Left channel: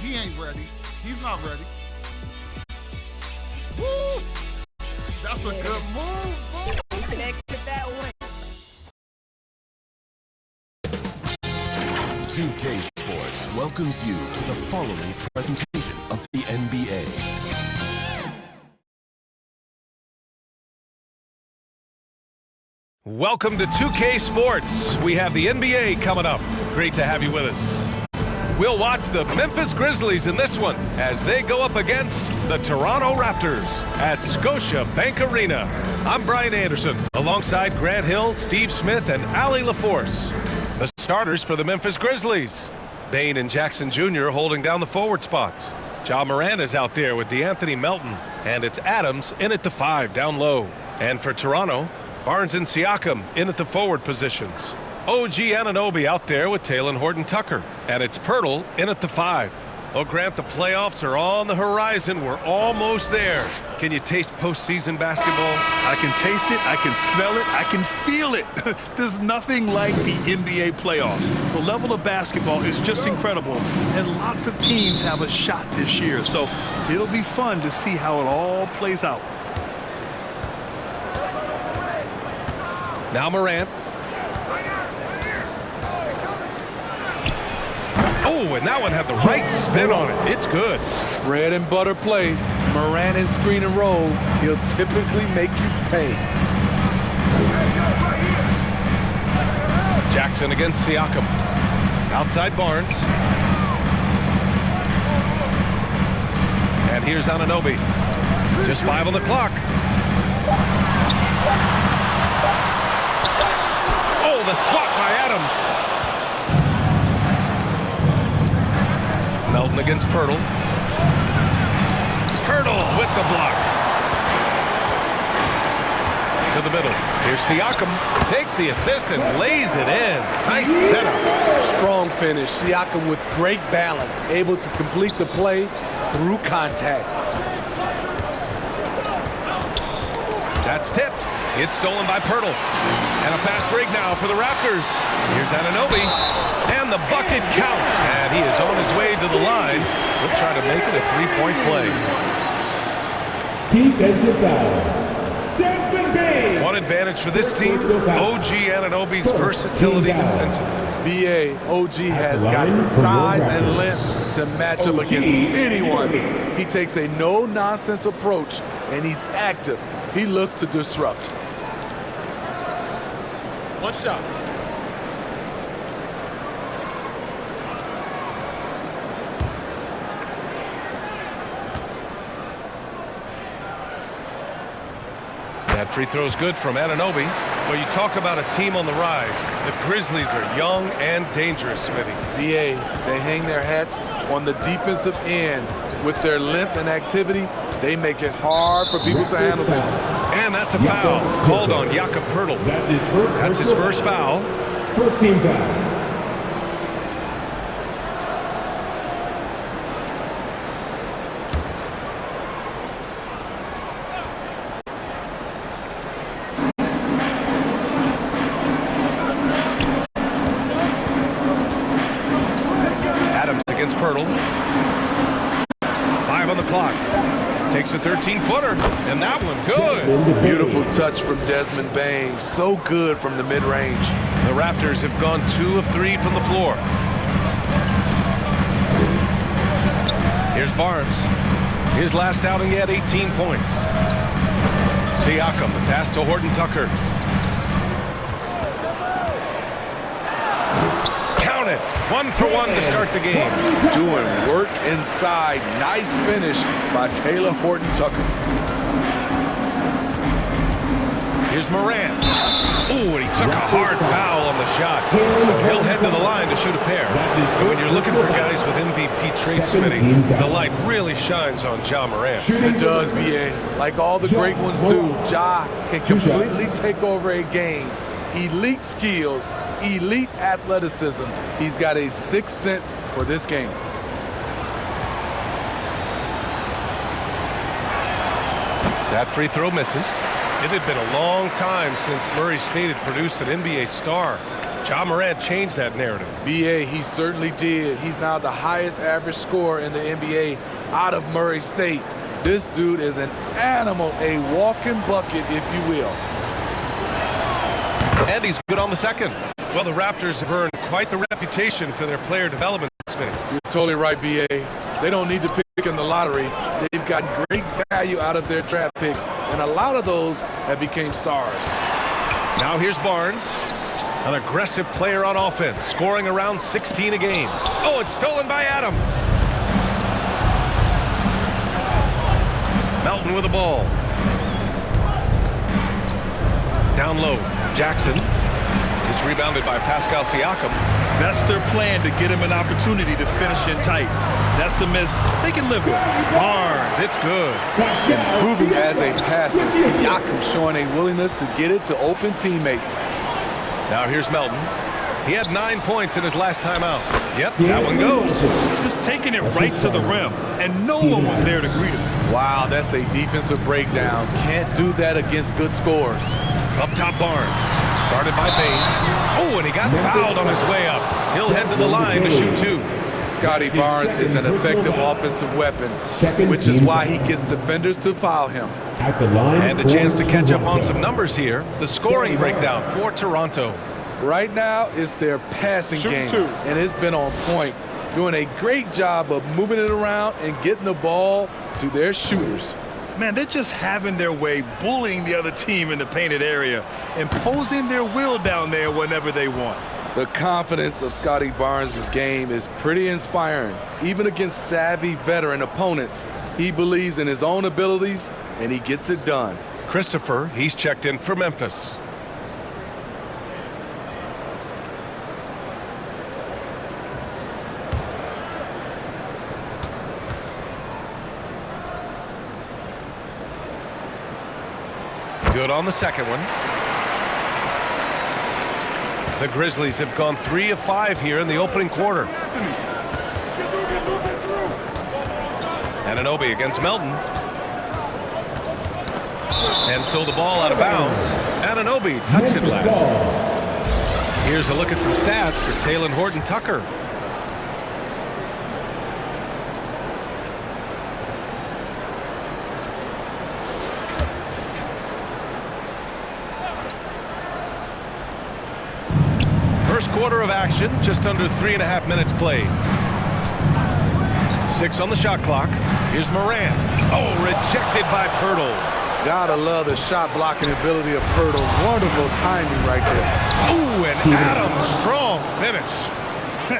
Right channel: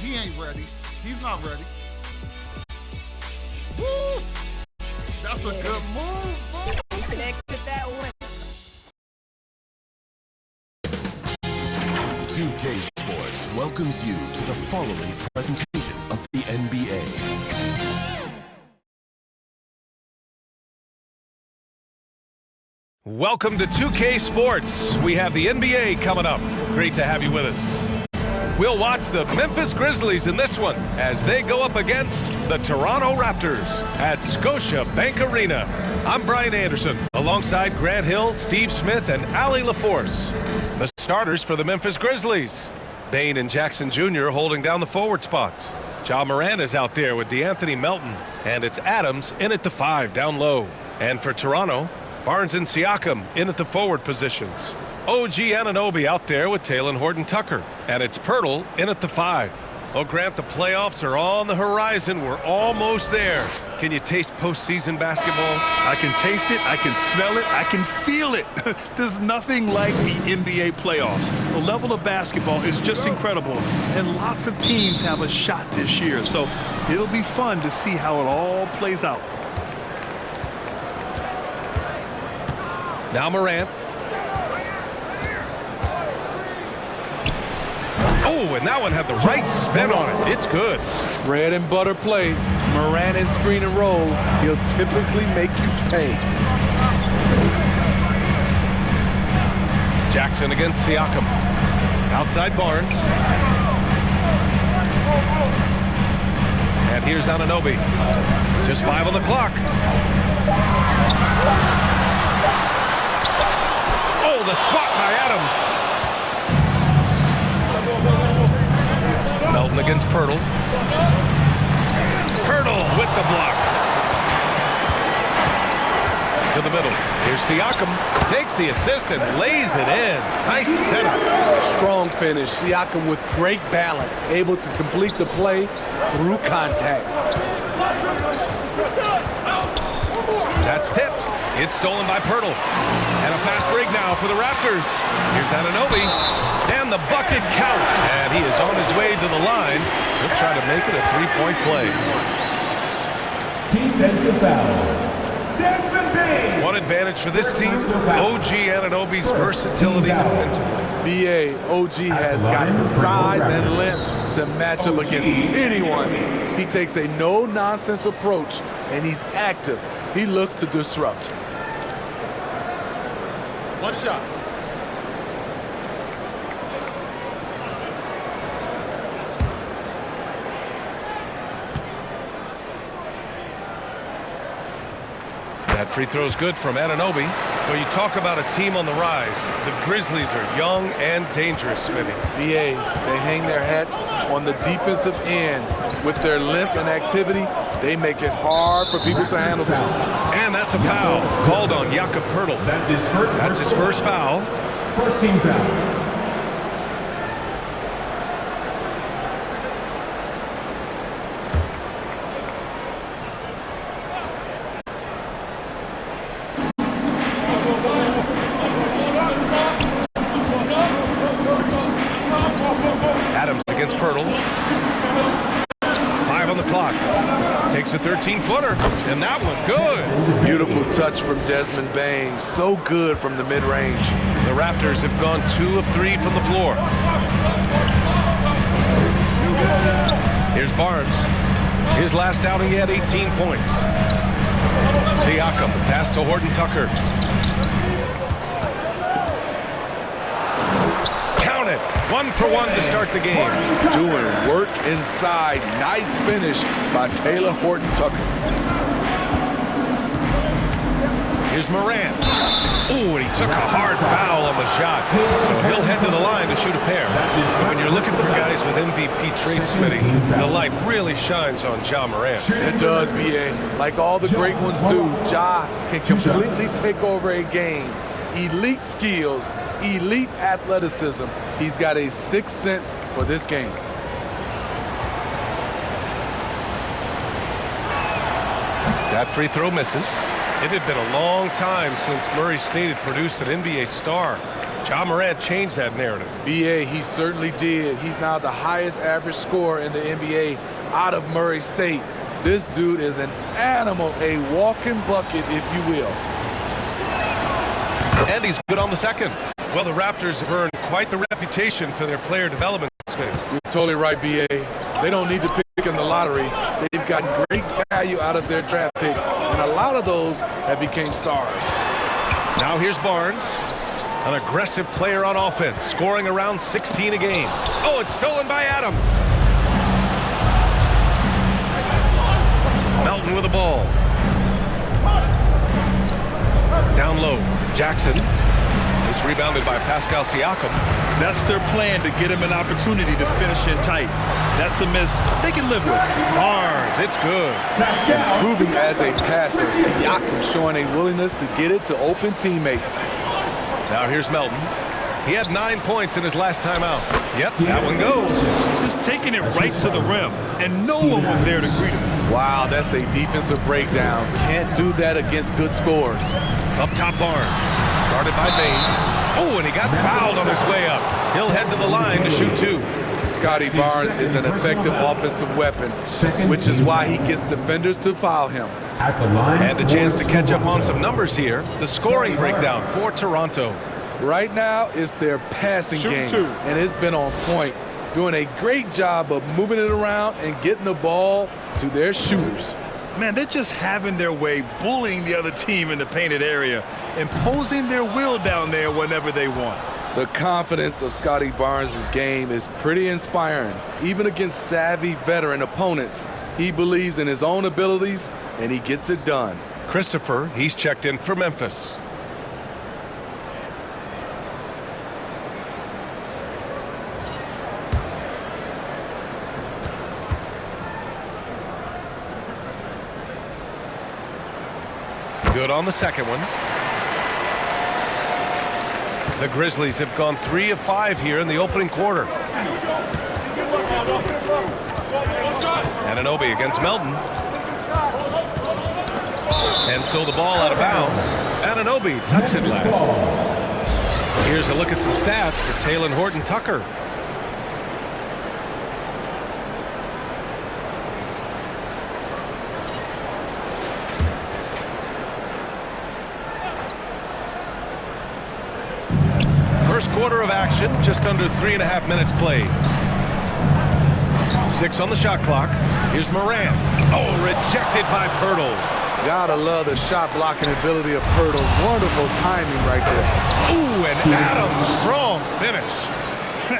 He ain't ready. He's not ready. Woo! That's a good move. He can exit that way. 2K Sports welcomes you to the following presentation of the NBA. Welcome to 2K Sports. We have the NBA coming up. Great to have you with us. We'll watch the Memphis Grizzlies in this one as they go up against the Toronto Raptors at Scotia Bank Arena. I'm Brian Anderson, alongside Grant Hill, Steve Smith, and Allie LaForce. The starters for the Memphis Grizzlies. Bane and Jackson Jr. holding down the forward spots. Ja Morant is out there with DeAnthony Melton, and it's Adams in at the 5 down low. And for Toronto, Barnes and Siakam in at the forward positions. OG Anunoby out there with Talen Horton-Tucker. And it's Pirtle in at the 5. Well, Grant, the playoffs are on the horizon. We're almost there. Can you taste postseason basketball? I can taste it, I can smell it, I can feel it. There's nothing like the NBA playoffs. The level of basketball is just incredible, and lots of teams have a shot this year. So it'll be fun to see how it all plays out. Now Morant. Oh, and that one had the right spin on it. It's good. Bread and butter play. Morant and screen and roll. He'll typically make you pay. Jackson against Siakam. Outside Barnes. And here's Anunoby. Just 5 on the clock. Oh, the swat by Adams. Melton against Pirtle. Pirtle with the block. To the middle. Here's Siakam. Takes the assist and lays it in. Nice setup. Strong finish. Siakam with great balance. Able to complete the play through contact. That's tipped. It's stolen by Pirtle. And a fast break now for the Raptors. Here's Anunoby. And the bucket counts. And he is on his way to the line. He'll try to make it a three-point play. Defensive foul. Desmond Bane. One advantage for this team. OG Anunoby's versatility defensively. BA, OG has got the size and length to match up against anyone. He takes a no-nonsense approach, and he's active. He looks to disrupt. One shot. That free throw's good from Anunoby. Well, you talk about a team on the rise. The Grizzlies are young and dangerous, Smitty. BA, they hang their hats on the defensive end. With their length and activity, they make it hard for people to handle them. And that's a foul called on Jakob Pirtle. That's his first foul. First team foul. Adams against Pirtle. 5 on the clock. Takes a 13-footer, and that one good. Beautiful touch from Desmond Bane. So good from the mid-range. The Raptors have gone 2 of 3 from the floor. Here's Barnes. His last outing, he had 18 points. Siakam, the pass to Horton-Tucker. Count it. 1 for 1 to start the game. Doing work inside. Nice finish by Talen Horton-Tucker. Here's Morant. Ooh, and he took a hard foul on the shot. So he'll head to the line to shoot a pair. But when you're looking for guys with MVP traits, Smitty, the light really shines on Ja Morant. It does, BA. Like all the great ones do, Ja can completely take over a game. Elite skills, elite athleticism. He's got a sixth sense for this game. That free throw misses. It had been a long time since Murray State had produced an NBA star. Ja Morant changed that narrative. BA, he certainly did. He's now the highest average scorer in the NBA out of Murray State. This dude is an animal, a walking bucket, if you will. And he's good on the second. Well, the Raptors have earned quite the reputation for their player development, Smitty. You're totally right, BA. They don't need to pick in the lottery. They've gotten great value out of their draft picks, and a lot of those have become stars. Now here's Barnes, an aggressive player on offense, scoring around 16 a game. Oh, it's stolen by Adams. Melton with the ball. Down low, Jackson. It's rebounded by Pascal Siakam. That's their plan, to get him an opportunity to finish in tight. That's a miss they can live with. Barnes, it's good. Improving as a passer, Siakam showing a willingness to get it to open teammates. Now here's Melton. He had 9 points in his last time out. Yep, that one goes. Just taking it right to the rim, and no one was there to greet him. Wow, that's a defensive breakdown. Can't do that against good scores. Up top, Barnes. Guarded by Bain. Oh, and he got fouled on his way up. He'll head to the line to shoot 2. Scotty Barnes is an effective offensive weapon, which is why he gets defenders to foul him. At the line And a chance to catch up on some numbers here. The scoring breakdown for Toronto. Right now, it's their passing game, and it's been on point, doing a great job of moving it around and getting the ball to their shooters. Man, they're just having their way, bullying the other team in the painted area, imposing their will down there whenever they want. The confidence of Scotty Barnes' game is pretty inspiring. Even against savvy veteran opponents, he believes in his own abilities, and he gets it done. Christopher, he's checked in for Memphis. Good on the second one. The Grizzlies have gone 3 of 5 here in the opening quarter. Anunoby against Melton. And so the ball out of bounds. Anunoby touched it last. Here's a look at some stats for Talen Horton-Tucker. First quarter of action, just under 3.5 minutes played. 6 on the shot clock. Here's Morant. Oh, rejected by Pirtle. Gotta love the shot blocking ability of Pirtle. Wonderful timing right there. Ooh, and Adams, strong finish.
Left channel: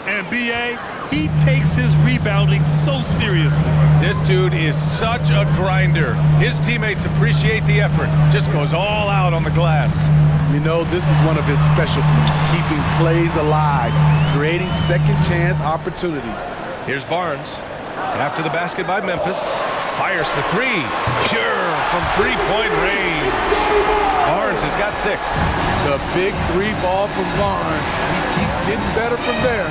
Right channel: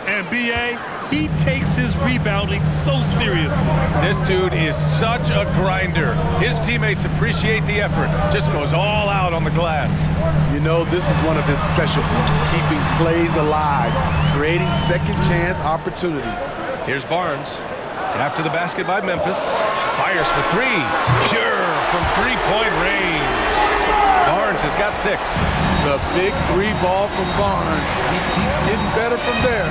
And B.A., he takes his rebounding so seriously. This dude is such a grinder. His teammates appreciate the effort. Just goes all out on the glass. You know, this is one of his specialties, keeping plays alive, creating second chance opportunities. Here's Barnes. After the basket by Memphis. Fires for 3. Pure from three-point range. Barnes has got 6. The big 3 ball from Barnes. He keeps getting better from there.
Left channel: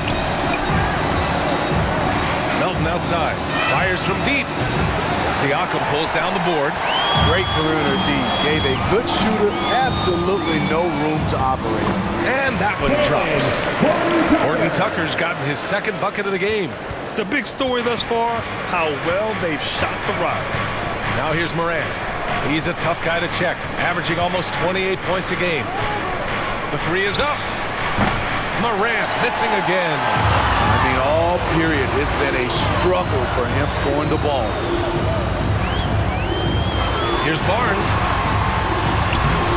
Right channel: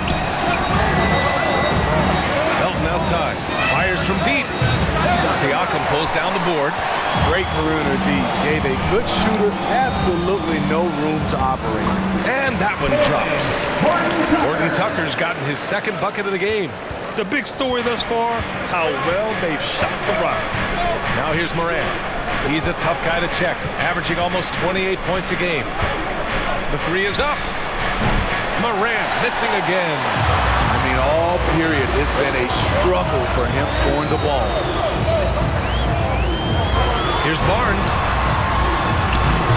Melton outside. Fires from deep. Siakam pulls down the board. Great perimeter D. Gave a good shooter absolutely no room to operate. And that one drops. Horton-Tucker's gotten his second bucket of the game. The big story thus far, how well they've shot the rock. Now here's Morant. He's a tough guy to check, averaging almost 28 points a game. The 3 is up. Morant missing again. I mean, all period, it's been a struggle for him scoring the ball. Here's Barnes.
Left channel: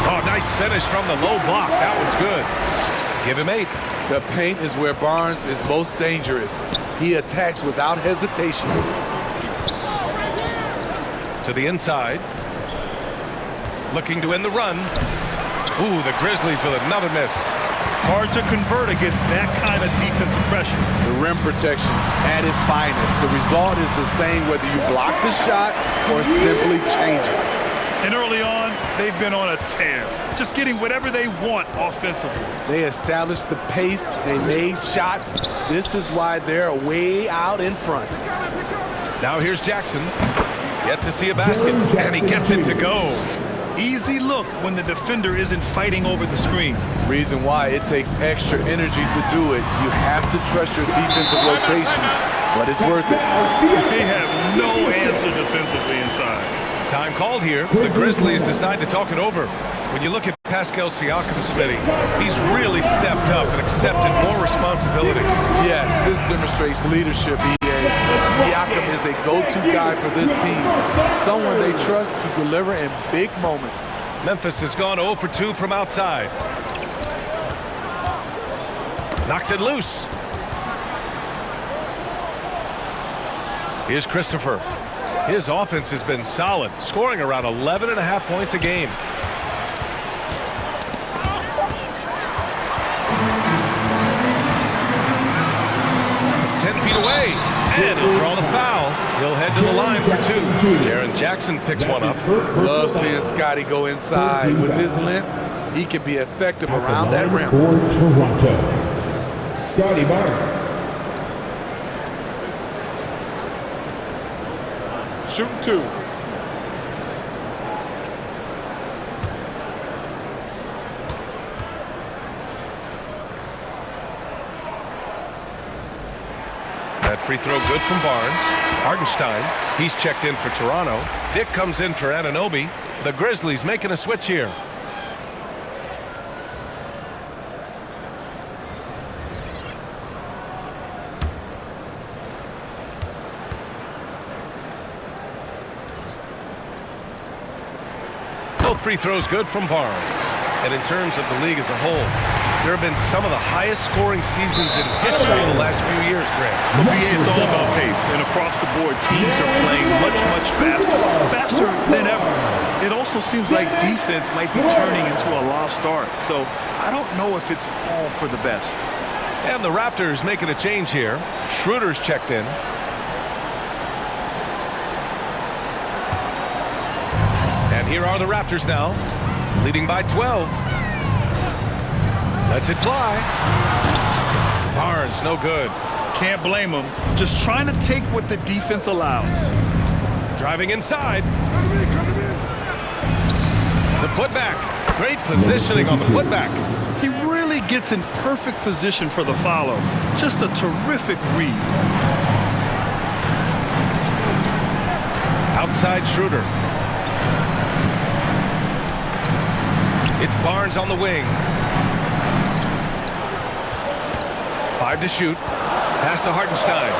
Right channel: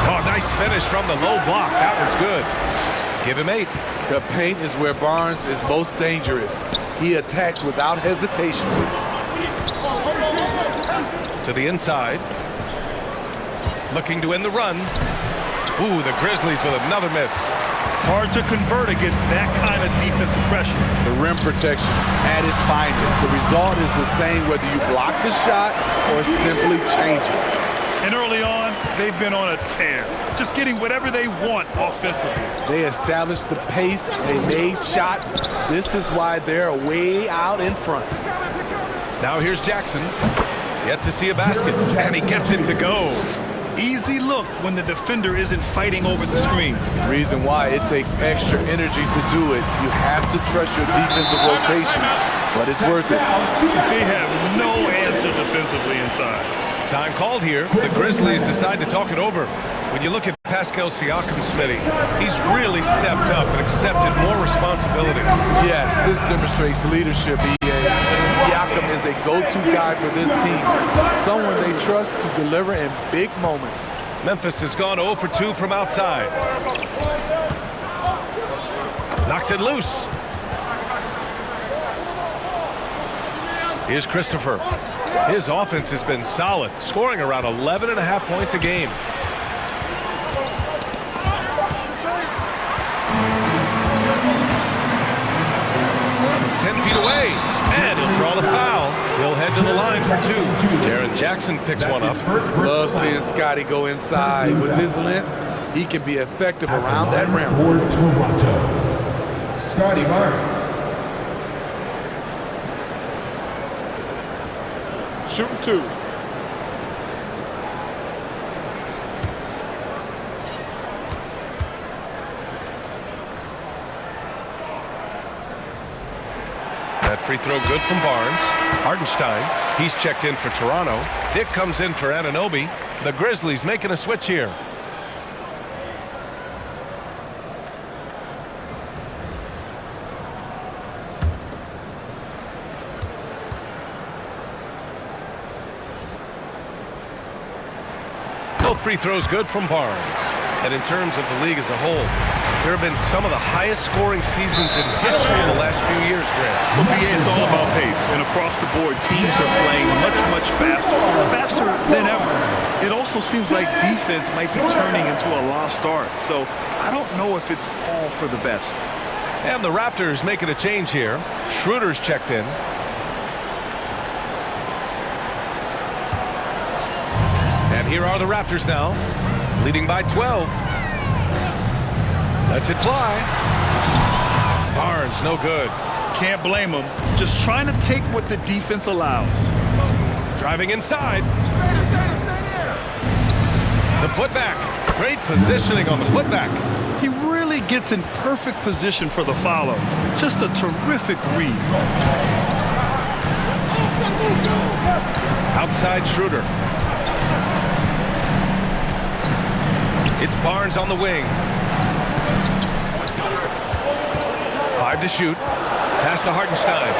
Oh, nice finish from the low block. That one's good. Give him 8. The paint is where Barnes is most dangerous. He attacks without hesitation. To the inside. Looking to end the run. Ooh, the Grizzlies with another miss. Hard to convert against that kind of defensive pressure. The rim protection at its finest. The result is the same whether you block the shot or simply change it. And early on, they've been on a tear, just getting whatever they want offensively. They established the pace. They made shots. This is why they're way out in front. Now here's Jackson. Yet to see a basket, and he gets it to go. easy look when the defender isn't fighting over the screen. Reason why it takes extra energy to do it. You have to trust your defensive rotations, but it's worth it. They have no answer defensively inside. Time called here. The Grizzlies decide to talk it over. When you look at Pascal Siakam, Smitty, he's really stepped up and accepted more responsibility. Yes, this demonstrates leadership, EA. Siakam is a go-to guy for this team, someone they trust to deliver in big moments. Memphis has gone 0 for 2 from outside. Knocks it loose. Here's Christopher. His offense has been solid, scoring around 11.5 points a game. From 10 feet away, and he'll draw the foul. He'll head to the line for 2. Jaren Jackson picks one up. Love seeing Scotty go inside. With his length, he can be effective around that rim. For Toronto, Scotty Barnes. Shooting 2. That free throw good from Barnes. Hartenstein, he's checked in for Toronto. Dick comes in for Anunoby. The Grizzlies making a switch here. Both free throws good from Barnes. And in terms of the league as a whole, there have been some of the highest scoring seasons in history in the last few years, Grant. But BA, it's all about pace, and across the board, teams are playing much faster than ever. It also seems like defense might be turning into a lost art, so I don't know if it's all for the best. And the Raptors making a change here. Schroeder's checked in. And here are the Raptors now, leading by 12. Lets it fly. Barnes, no good. Can't blame him. Just trying to take what the defense allows. Driving inside. The putback. Great positioning on the putback. He really gets in perfect position for the follow. Just a terrific read. Outside Schroeder. It's Barnes on the wing. 5 to shoot. Pass to Hartenstein.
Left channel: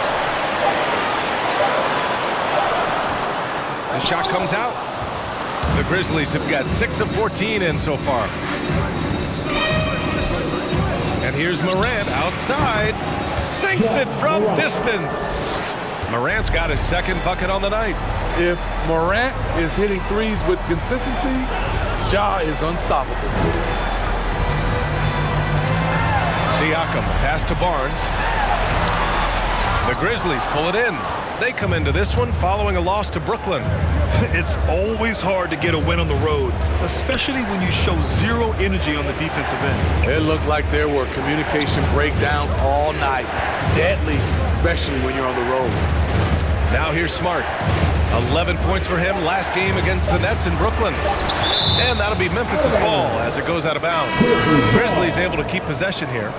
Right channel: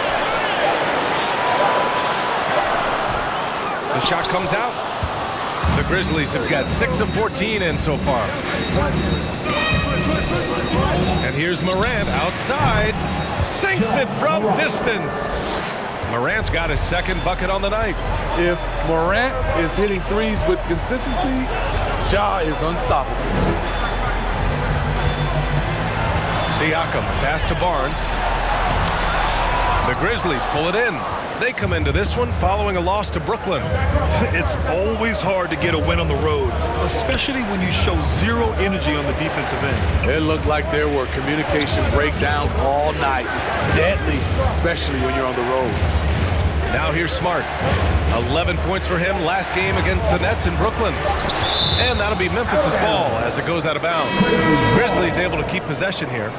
The shot comes out. The Grizzlies have got 6 of 14 in so far. And here's Morant outside. Sinks it from distance. Morant's got his second bucket on the night. If Morant is hitting threes with consistency, Ja is unstoppable. Siakam, pass to Barnes. The Grizzlies pull it in. They come into this one following a loss to Brooklyn. It's always hard to get a win on the road, especially when you show zero energy on the defensive end. It looked like there were communication breakdowns all night. Deadly, especially when you're on the road. Now here's Smart. 11 points for him last game against the Nets in Brooklyn. And that'll be Memphis's ball as it goes out of bounds. Grizzlies able to keep possession here.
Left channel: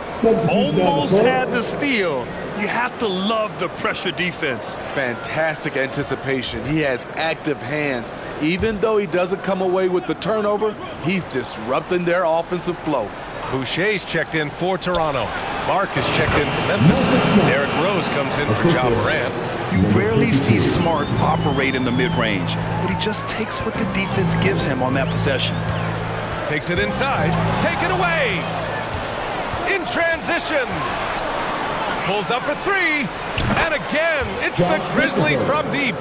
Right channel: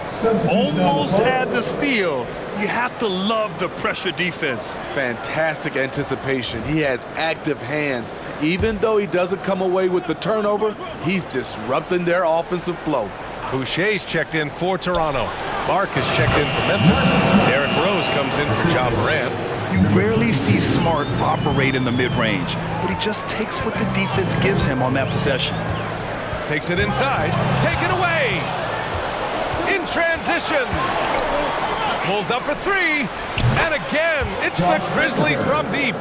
Almost had the steal. You have to love the pressure defense. Fantastic anticipation. He has active hands. Even though he doesn't come away with the turnover, he's disrupting their offensive flow. Boucher's checked in for Toronto. Clark is checked in for Memphis. Derrick Rose comes in for Ja Morant. You rarely see Smart operate in the mid-range, but he just takes what the defense gives him on that possession. Takes it inside. Taken away. In transition. Pulls up for 3. And again, it's the Grizzlies from deep.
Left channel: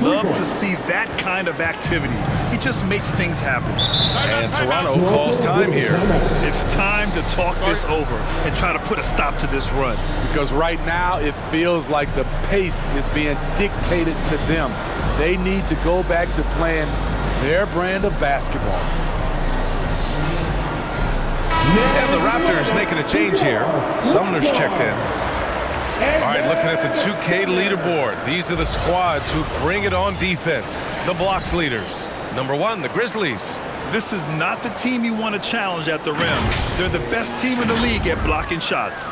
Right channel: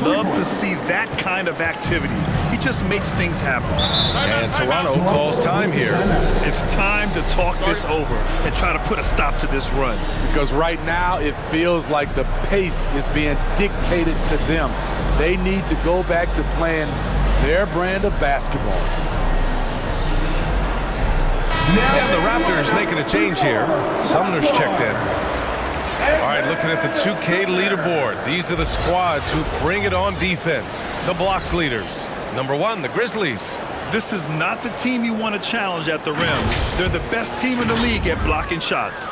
Love to see that kind of activity. He just makes things happen. And Toronto calls time here. It's time to talk this over and try to put a stop to this run. Because right now it feels like the pace is being dictated to them. They need to go back to playing their brand of basketball. And the Raptors making a change here. Sumner's checked in. All right, looking at the 2K leaderboard. These are the squads who bring it on defense. The blocks leaders. Number 1, the Grizzlies. This is not the team you want to challenge at the rim. They're the best team in the league at blocking shots.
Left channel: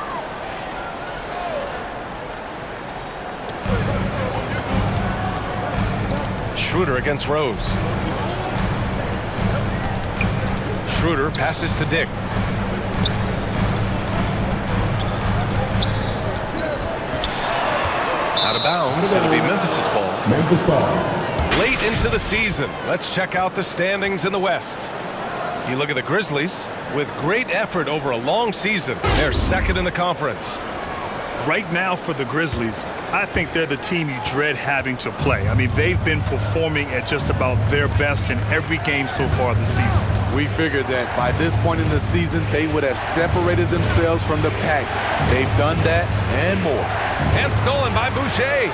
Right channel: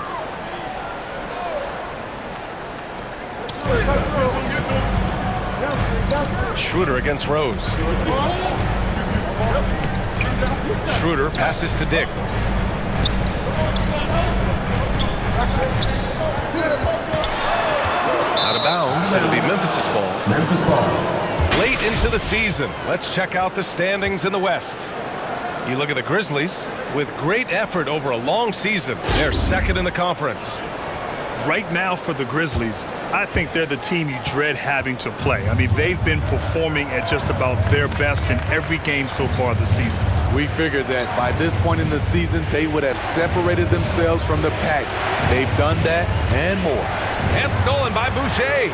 Schroeder against Rose. Schroeder passes to Dick. Out of bounds. It'll be Memphis's ball. Memphis ball. Late into the season, let's check out the standings in the West. You look at the Grizzlies. With great effort over a long season, they're second in the conference. Right now for the Grizzlies, I think they're the team you dread having to play. I mean, they've been performing at just about their best in every game so far this season. We figured that by this point in the season, they would have separated themselves from the pack. They've done that and more. And stolen by Boucher.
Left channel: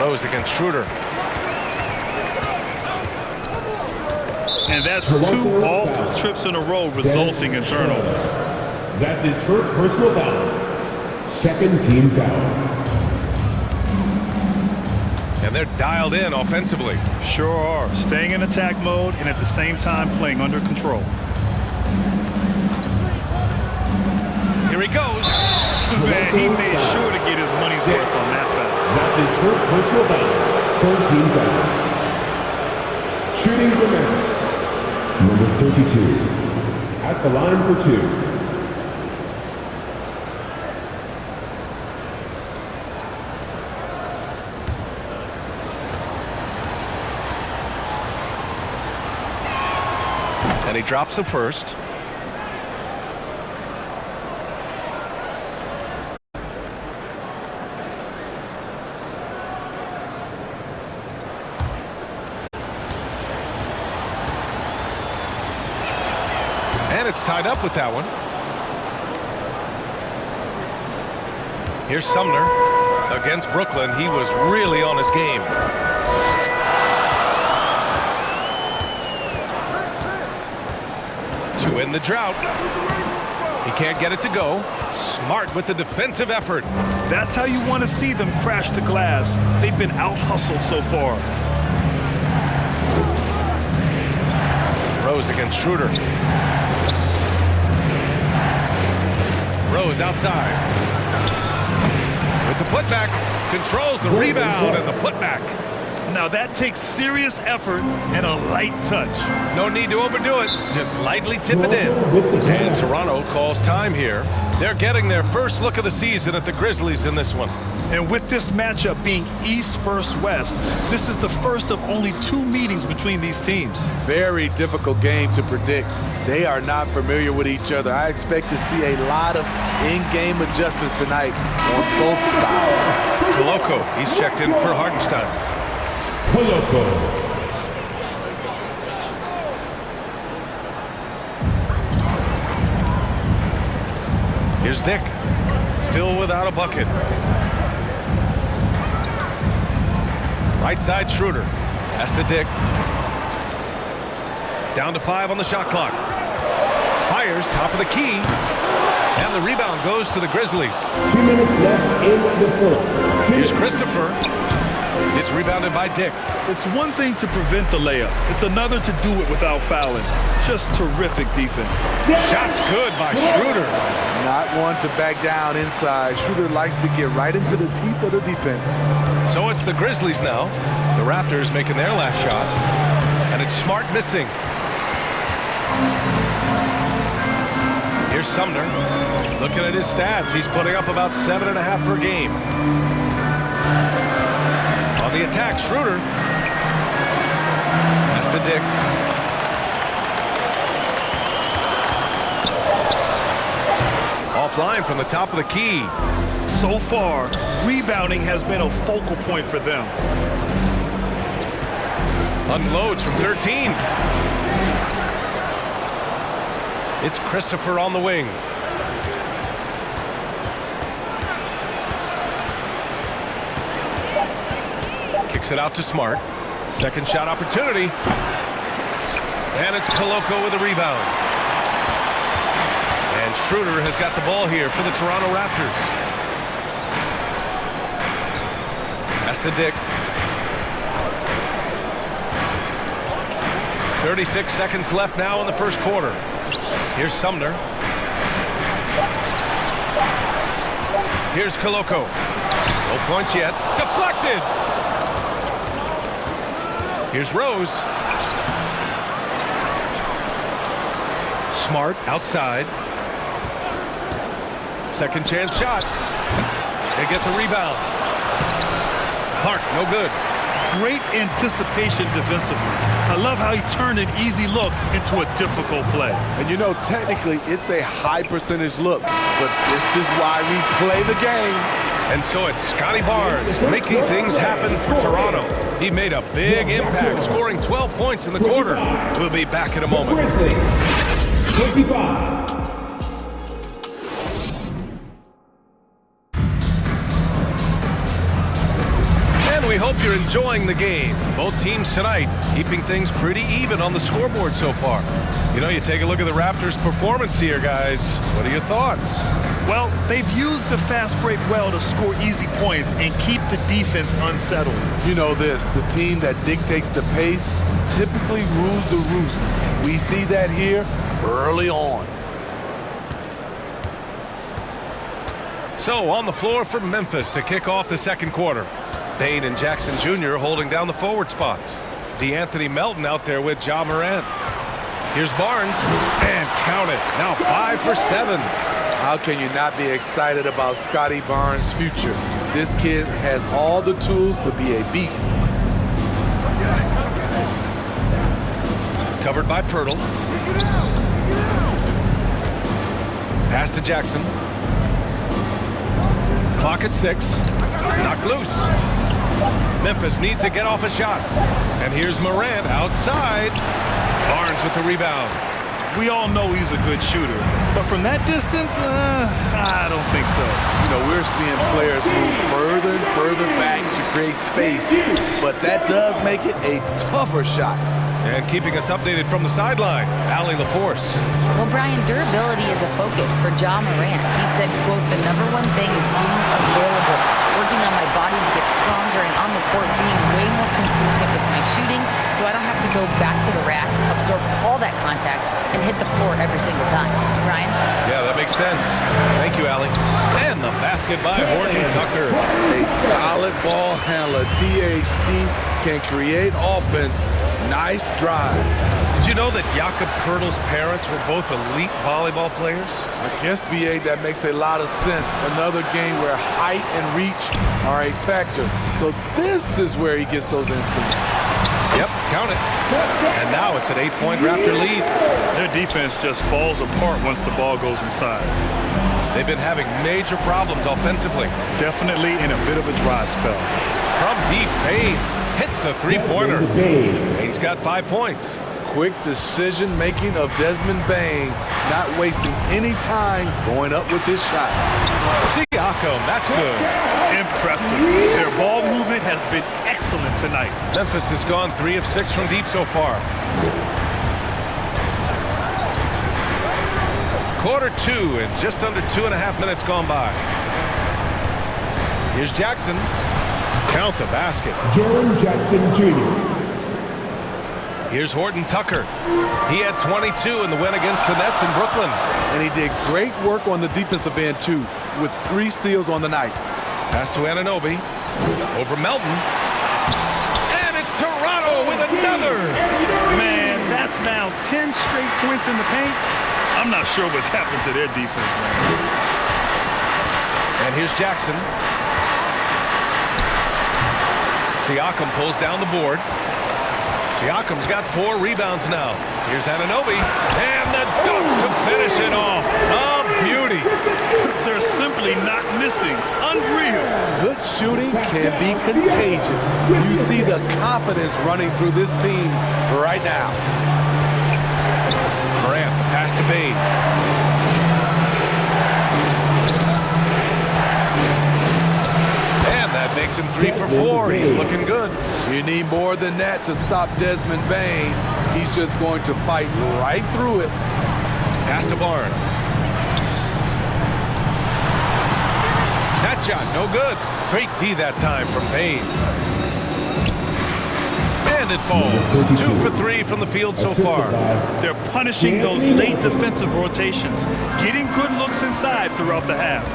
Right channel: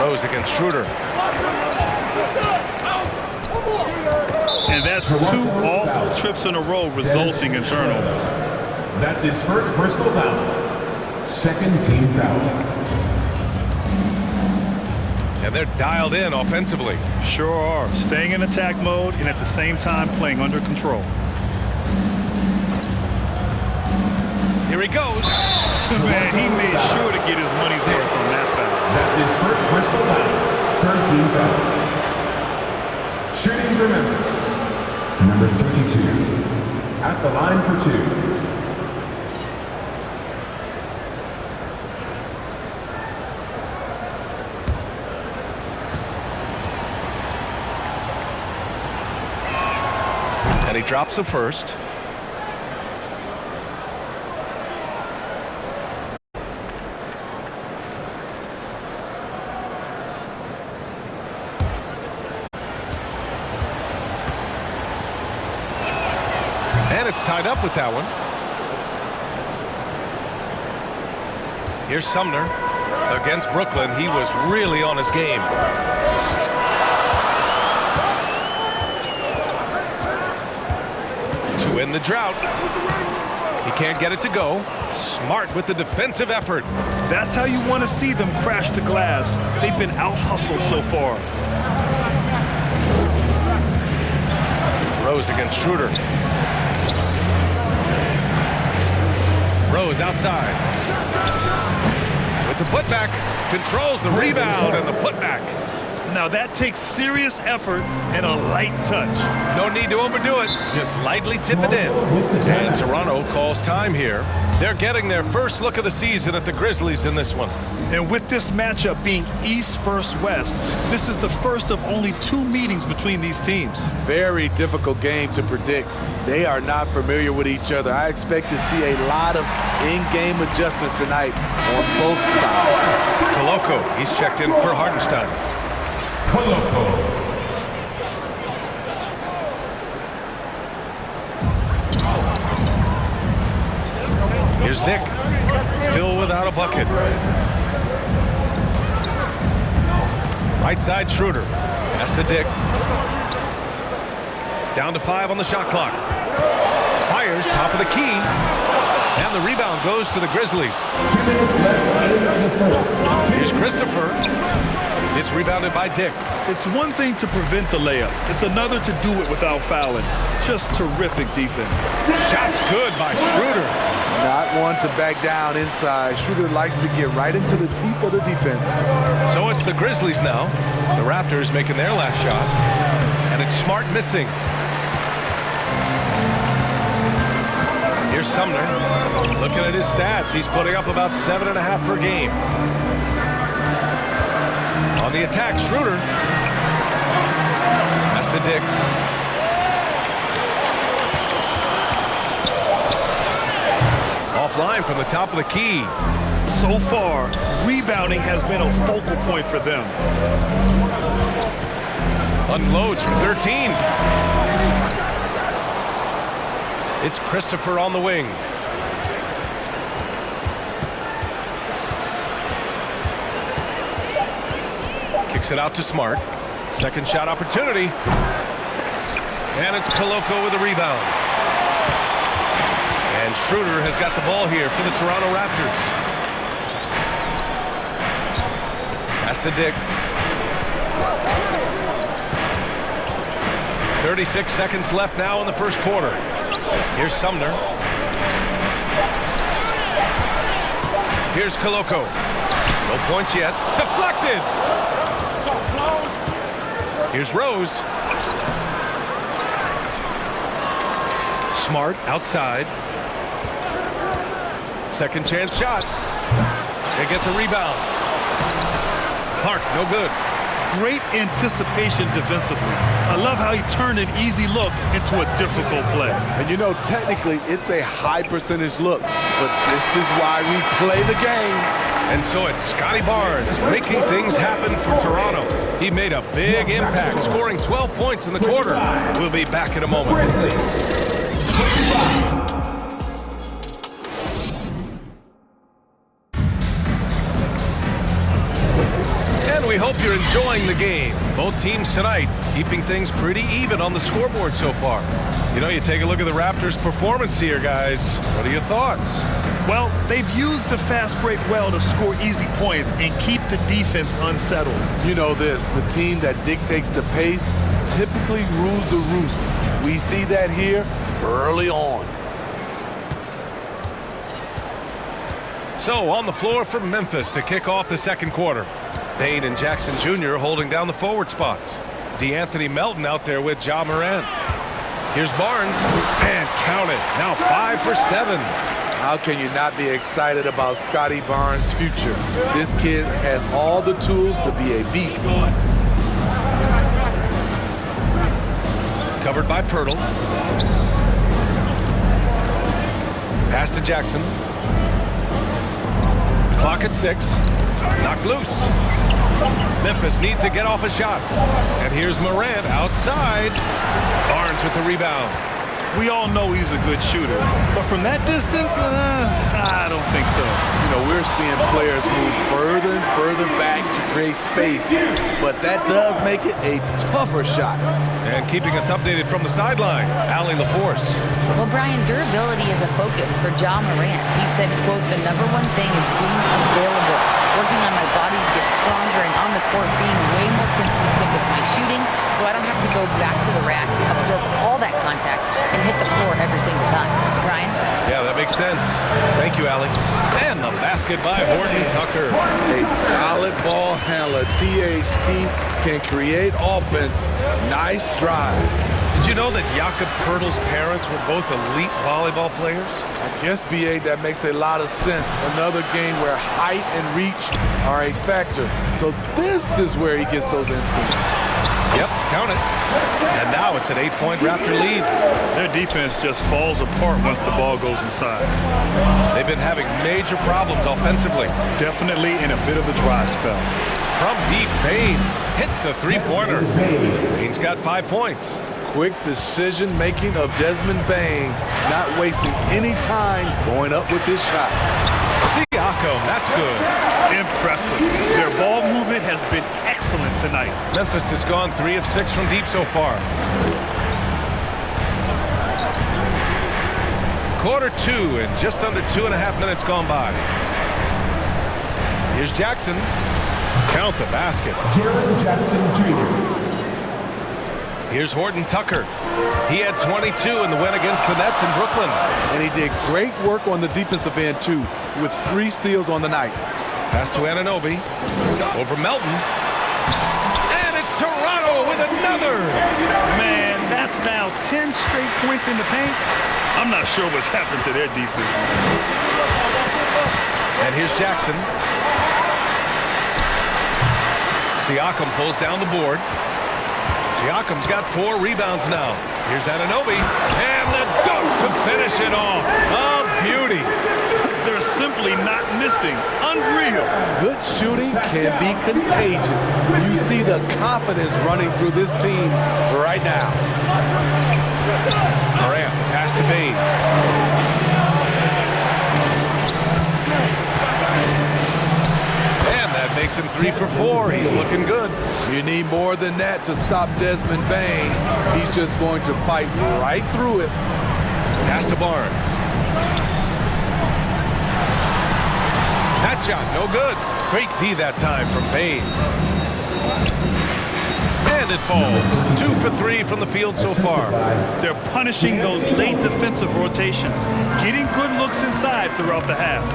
Rose against Schroeder. And that's two awful trips in a row resulting in turnovers. That's his first personal foul. Second team foul. And they're dialed in offensively. Sure are. Staying in attack mode and at the same time playing under control. Here he goes. Man, he made sure to get his money's worth on that foul. That's his first personal foul. Third team foul. Shooting for Memphis. Number 32. At the line for two. And he drops the first. And it's tied up with that one. Here's Sumner against Brooklyn. He was really on his game. To end the drought. He can't get it to go. Smart with the defensive effort. That's how you want to see them crash the glass. They've been out-hustled so far. Rose against Schroeder. Rose outside. With the putback. Controls the rebound and the putback. Now that takes serious effort and a light touch. No need to overdo it. Just lightly tip it in. And Toronto calls time here. They're getting their first look of the season at the Grizzlies in this one. And with this matchup being East versus West, this is the first of only two meetings between these teams. Very difficult game to predict. They are not familiar with each other. I expect to see a lot of in-game adjustments tonight on both sides. Koloko, he's checked in for Hartenstein. Koloko. Here's Dick. Still without a bucket. Right side Schroeder. Pass to Dick. Down to 5 on the shot clock. Fires top of the key. And the rebound goes to the Grizzlies. 2 minutes left in the first. Here's Christopher. It's rebounded by Dick. It's one thing to prevent the layup. It's another to do it without fouling. Just terrific defense. Shot's good by Schroeder. Not one to back down inside. Schroeder likes to get right into the teeth of the defense. So it's the Grizzlies now. The Raptors making their last shot. And it's Smart missing. Here's Sumner. Looking at his stats, he's putting up about 7.5 per game. On the attack, Schroeder. Pass to Dick. Offline from the top of the key. So far, rebounding has been a focal point for them. Unloads from 13. It's Christopher on the wing. Kicks it out to Smart. Second shot opportunity. And it's Koloko with a rebound. And Schroeder has got the ball here for the Toronto Raptors. Pass to Dick. 36 seconds left now in the first quarter. Here's Sumner. Here's Koloko. No points yet. Deflected. Here's Rose. Smart outside. Second chance shot. They get the rebound. Clark, no good. Great anticipation defensively. I love how he turned an easy look into a difficult play. And you know, technically, it's a high percentage look, but this is why we play the game. And so it's Scotty Barnes making things happen for Toronto. He made a big impact, scoring 12 points in the quarter. We'll be back in a moment. And we hope you're enjoying the game. Both teams tonight keeping things pretty even on the scoreboard so far. You know, you take a look at the Raptors' performance here, guys. What are your thoughts? Well, they've used the fast break well to score easy points and keep the defense unsettled. You know this, the team that dictates the pace typically rules the roost. We see that here early on. So on the floor for Memphis to kick off the second quarter. Bane and Jackson Jr. holding down the forward spots. DeAnthony Melton out there with Ja Morant. Here's Barnes, and count it. Now 5 for 7. How can you not be excited about Scotty Barnes' future? This kid has all the tools to be a beast. Covered by Pirtle. Pass to Jackson. Clock at 6. Knocked loose. Memphis needs to get off a shot. And here's Morant outside. Barnes with the rebound. We all know he's a good shooter, but from that distance, I don't think so. You know, we're seeing players move further and further back to create space, but that does make it a tougher shot. And keeping us updated from the sideline, Allie LaForce. Well, Brian, durability is a focus for Ja Morant. He said, quote, "The number one thing is being available, working on my body to get stronger, and on the court being way more consistent with my shooting so I don't have to go back to the rack, absorb all that contact, and hit the floor every single time." Ryan? Yeah, that makes sense. Thank you, Allie. And the basket by Horton Tucker. A solid ball handler, THT, can create offense. Nice drive. Did you know that Jakob Pertl's parents were both elite volleyball players? I guess, BA, that makes a lot of sense. Another game where height and reach are a factor. So this is where he gets those instincts. Yep, count it. And now it's an 8-point Raptor lead. Their defense just falls apart once the ball goes inside. They've been having major problems offensively. Definitely in a bit of a dry spell. From deep, Bane hits the three-pointer. Bane's got 5 points. Quick decision-making of Desmond Bane, not wasting any time going up with his shot. Siakam, that's good. Impressive. Their ball movement has been excellent tonight. Memphis has gone 3 of 6 from deep so far. Quarter 2 and just under 2.5 minutes gone by. Here's Jackson. Count the basket. Jaren Jackson Jr. Here's Horton Tucker. He had 22 in the win against the Nets in Brooklyn. And he did great work on the defensive end, too, with 3 steals on the night. Pass to Anunoby. Over Melton. And it's Toronto with another. Man, that's now 10 straight points in the paint. I'm not sure what's happened to their defense, man. And here's Jackson. Siakam pulls down the board. Siakam's got 4 rebounds now. Here's Anunoby. And the dunk to finish it off. A beauty. They're simply not missing. Unreal. Good shooting can be contagious. You see the confidence running through this team right now. Morant, the pass to Bane. And that makes him 3 for 4. He's looking good. You need more than that to stop Desmond Bane. He's just going to fight right through it. Pass to Barnes. That shot, no good. Great D that time from Bane. And it falls. 2 for 3 from the field so far. They're punishing those late defensive rotations, getting good looks inside throughout the half.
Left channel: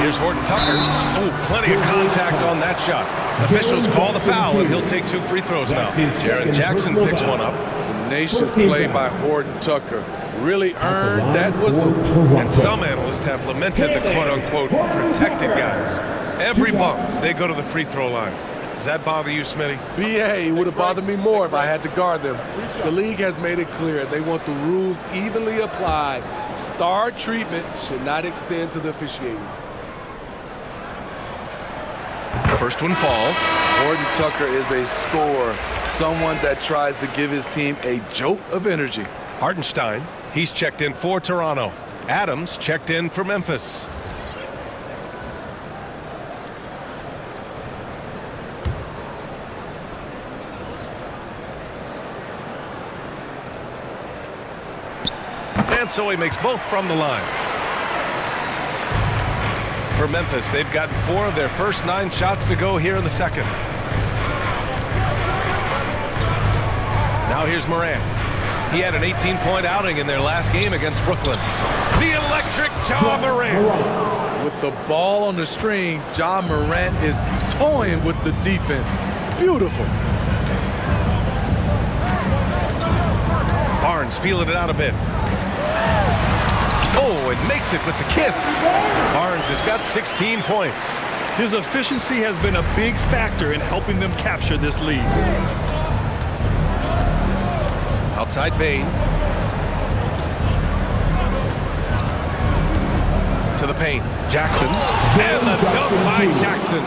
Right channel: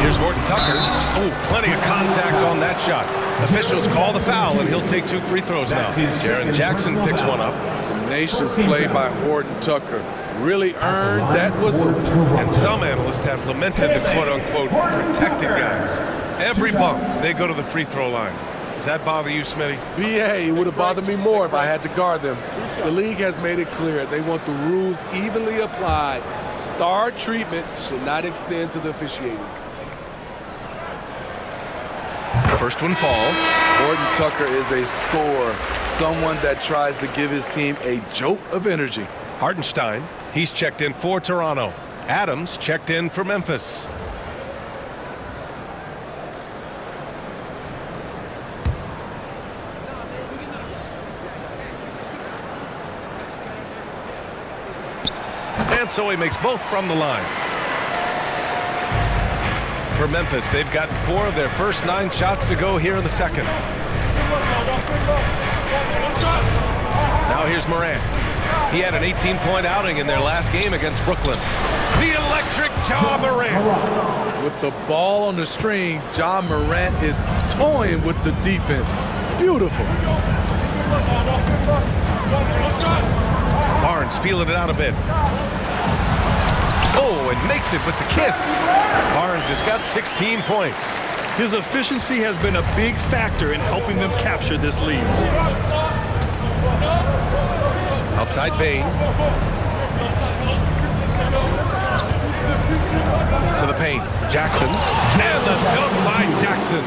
Here's Horton Tucker. Oh, plenty of contact on that shot. Officials call the foul, and he'll take 2 free throws now. Jaren Jackson picks one up. Tenacious play by Horton Tucker. Really earned that whistle. And some analysts have lamented the quote-unquote protected guys. Every bump, they go to the free throw line. Does that bother you, Smitty? BA, it would have bothered me more if I had to guard them. The league has made it clear they want the rules evenly applied. Star treatment should not extend to the officiating. First one falls. Horton Tucker is a scorer, someone that tries to give his team a jolt of energy. Hartenstein, he's checked in for Toronto. Adams checked in for Memphis. And so he makes both from the line. For Memphis, they've gotten 4 of their first 9 shots to go here in the second. Now here's Morant. He had an 18-point outing in their last game against Brooklyn. The electric Ja Morant. With the ball on the string, Ja Morant is toying with the defense. Beautiful. Barnes feeling it out a bit. Oh, and makes it with the kiss. Barnes has got 16 points. His efficiency has been a big factor in helping them capture this lead. Outside Bain. To the paint. Jackson. And the dunk by Jackson.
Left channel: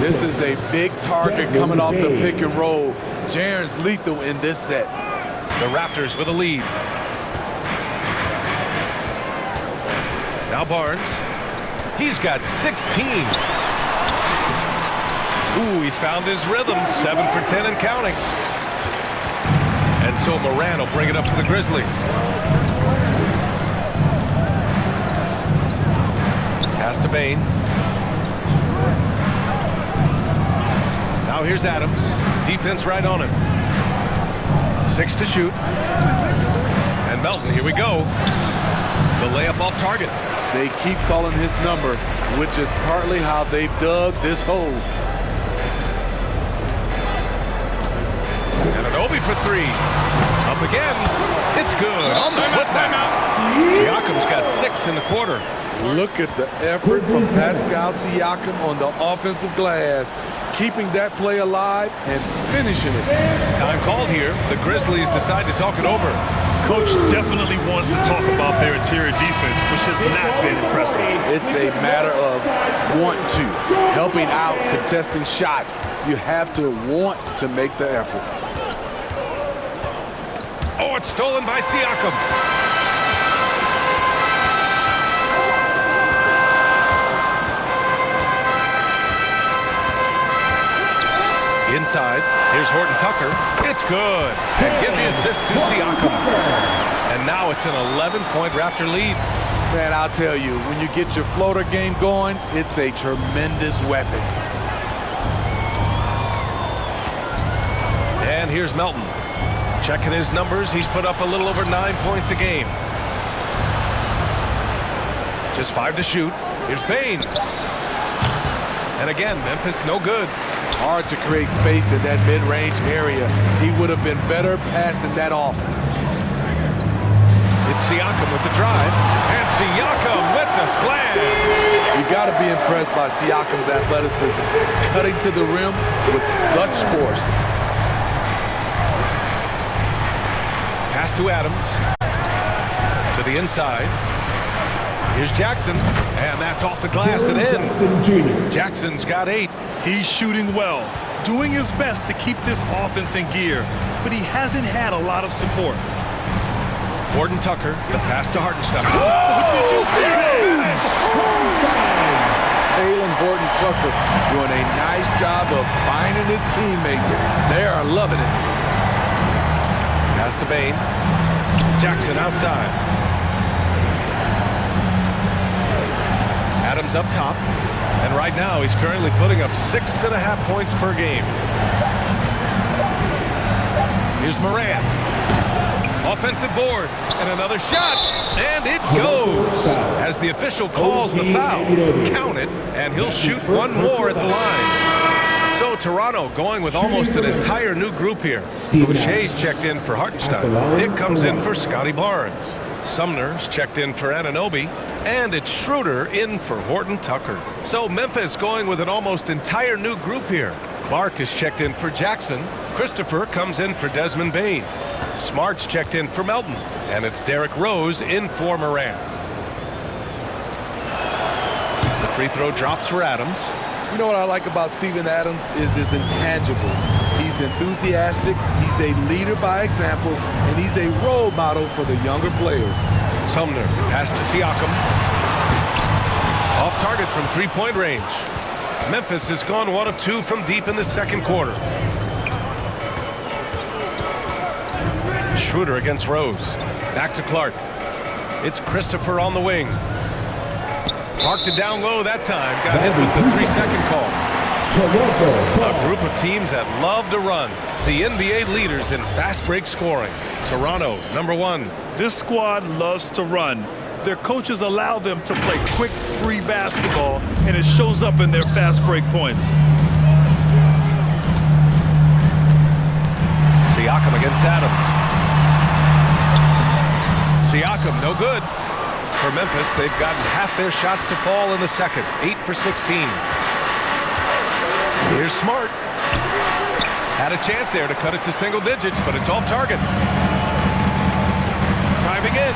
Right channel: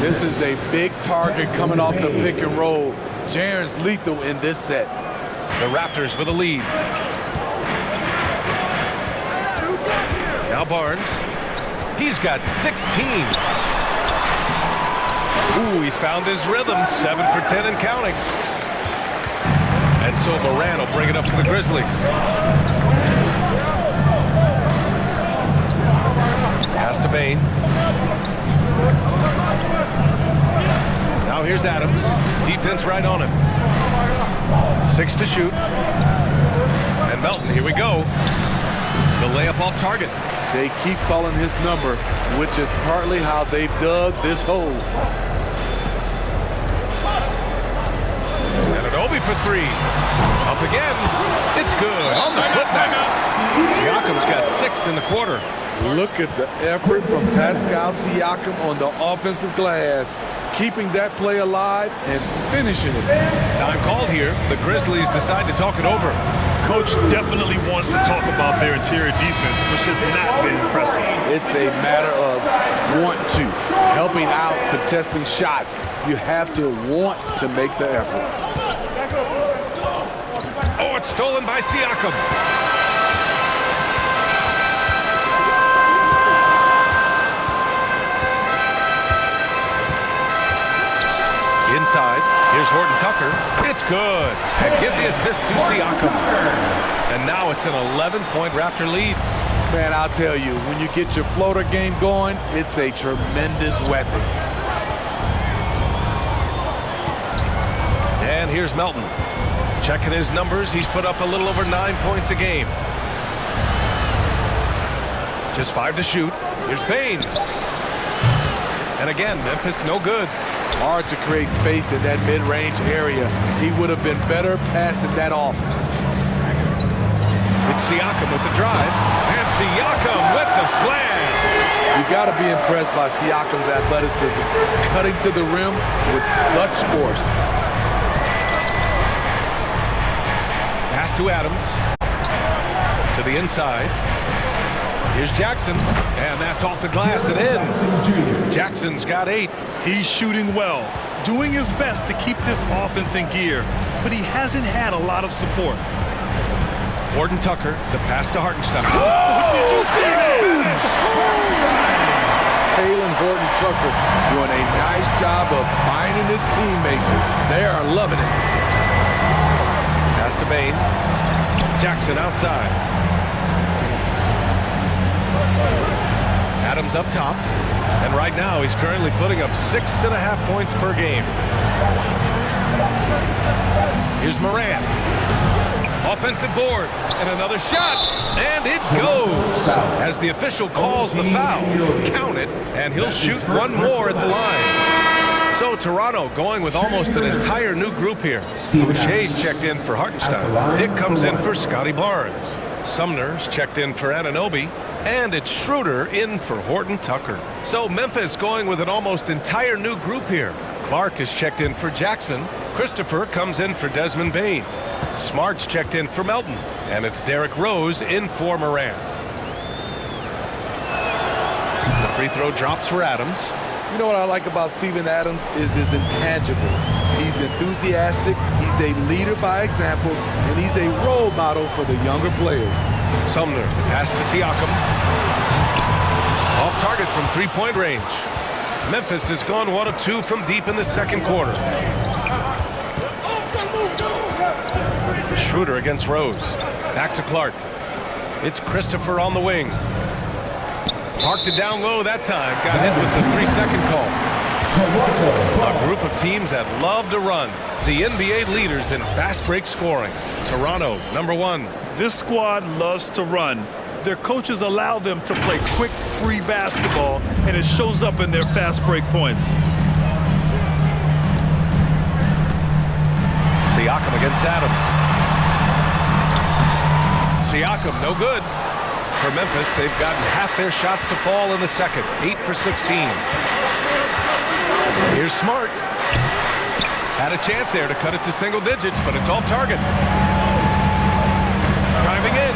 This is a big target coming off the pick and roll. Jaren's lethal in this set. The Raptors with a lead. Now Barnes. He's got 16. Ooh, he's found his rhythm. 7 for 10 and counting. And so Morant will bring it up for the Grizzlies. Pass to Bain. Now here's Adams. Defense right on him. 6 to shoot. And Melton, here we go. The layup off target. They keep calling his number, which is partly how they've dug this hole. And an Obi for 3. Up again. It's good on the putback. Siakam's got 6 in the quarter. Look at the effort from Pascal Siakam on the offensive glass, keeping that play alive and finishing it. Time called here. The Grizzlies decide to talk it over. Coach definitely wants to talk about their interior defense, which has not been impressive. It's a matter of want to, helping out, contesting shots. You have to want to make the effort. Oh, it's stolen by Siakam. Inside, here's Horton Tucker. It's good. And give the assist to Siakam. And now it's an 11-point Raptor lead. Man, I'll tell you, when you get your floater game going, it's a tremendous weapon. And here's Melton. Checking his numbers, he's put up a little over 9 points a game. Just 5 to shoot. Here's Bain. And again, Memphis no good. Hard to create space in that mid-range area. He would have been better passing that off. It's Siakam with the drive. And Siakam with the slam. You got to be impressed by Siakam's athleticism, cutting to the rim with such force. Pass to Adams. To the inside. Here's Jackson. And that's off the glass and in. Jackson's got 8. He's shooting well, doing his best to keep this offense in gear, but he hasn't had a lot of support. Horton Tucker, the pass to Hartenstein. Oh, did you see that? Taylor Horton Tucker doing a nice job of finding his teammates. They are loving it. Pass to Bain. Jackson outside. Adams up top. And right now, he's currently putting up 6.5 points per game. Here's Morant. Offensive board. And another shot. And it goes. As the official calls the foul, count it, and he'll shoot one more at the line. So Toronto going with almost an entire new group here. Boucher's checked in for Hartenstein. Dick comes in for Scotty Barnes. Sumner's checked in for Anunoby. And it's Schroeder in for Horton Tucker. So Memphis going with an almost entire new group here. Clark is checked in for Jackson. Christopher comes in for Desmond Bane. Smart's checked in for Melton. And it's Derrick Rose in for Morant. The free throw drops for Adams. You know what I like about Steven Adams is his intangibles. He's enthusiastic, he's a leader by example, and he's a role model for the younger players. Sumner, the pass to Siakam. Off target from three-point range. Memphis has gone 1 of 2 from deep in the second quarter. Schroeder against Rose. Back to Clark. It's Christopher on the wing. Parked it down low that time. Got hit with the 3-second call. A group of teams that love to run. The NBA leaders in fast break scoring. Toronto, number 1. This squad loves to run. Their coaches allow them to play quick, free basketball, and it shows up in their fast break points. Siakam against Adams. Siakam, no good. For Memphis, they've gotten half their shots to fall in the second. 8 for 16. Here's Smart. Had a chance there to cut it to single digits, but it's off target. Driving in.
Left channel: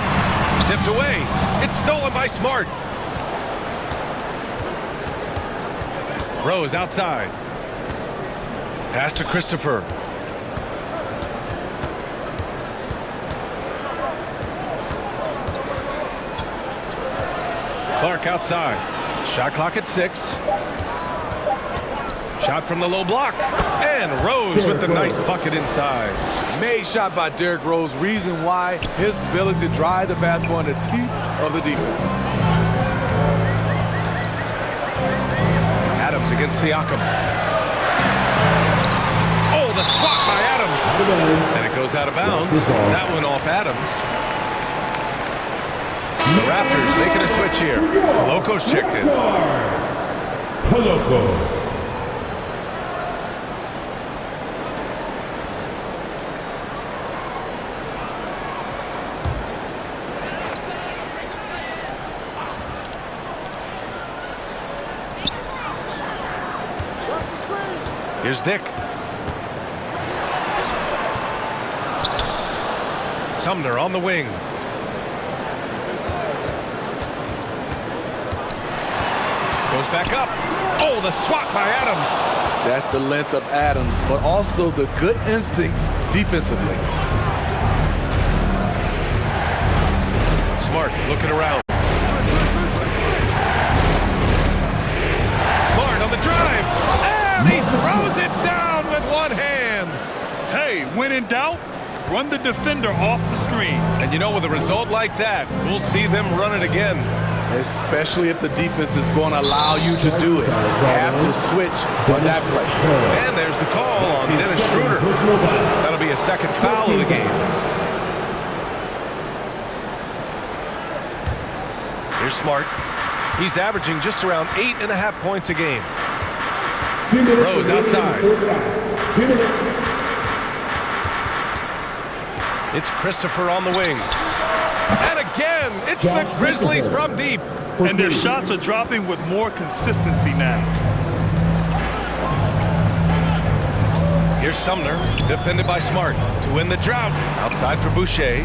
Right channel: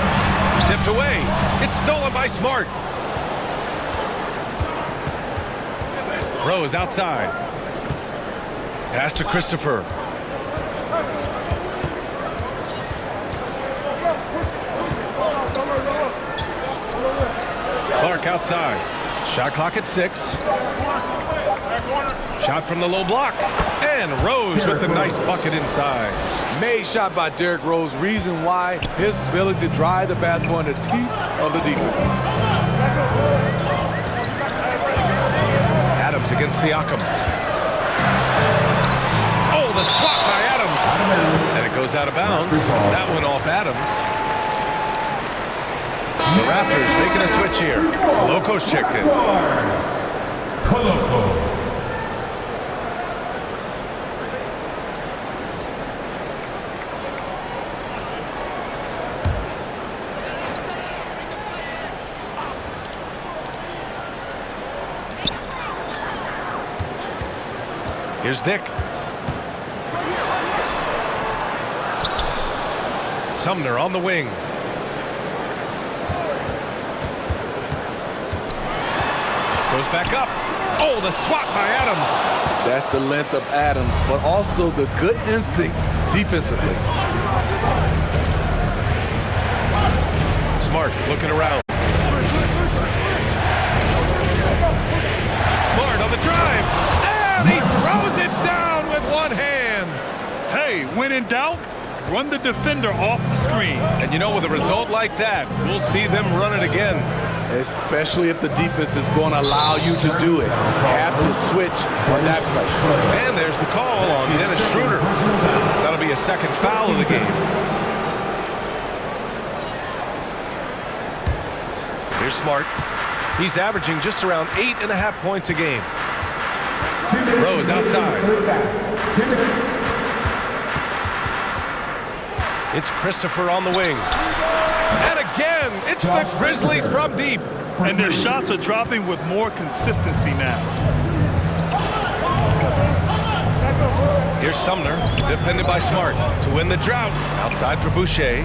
Tipped away. It's stolen by Smart. Rose outside. Pass to Christopher. Clark outside. Shot clock at 6. Shot from the low block. And Rose with the nice bucket inside. Made shot by Derrick Rose. Reason why, his ability to drive the basketball in the teeth of the defense. Adams against Siakam. Oh, the swat by Adams. And it goes out of bounds. That one off Adams. The Raptors making a switch here. Coloco's checked in. Coloco. Here's Dick. Sumner on the wing. Goes back up. Oh, the swat by Adams. That's the length of Adams, but also the good instincts defensively. Smart looking around. Smart on the drive. And he throws it down with one hand. Hey, when in doubt, run the defender off the screen. And you know, with a result like that, we'll see them run it again. Especially if the defense is going to allow you to do it. Have to switch on that play. And there's the call on Dennis Schroeder. That'll be a second foul of the game. Here's Smart. He's averaging just around 8.5 points a game. Rose outside. It's Christopher on the wing. And again, it's the Grizzlies from deep. And their shots are dropping with more consistency now. Here's Sumner, defended by Smart to win the drought. Outside for Boucher.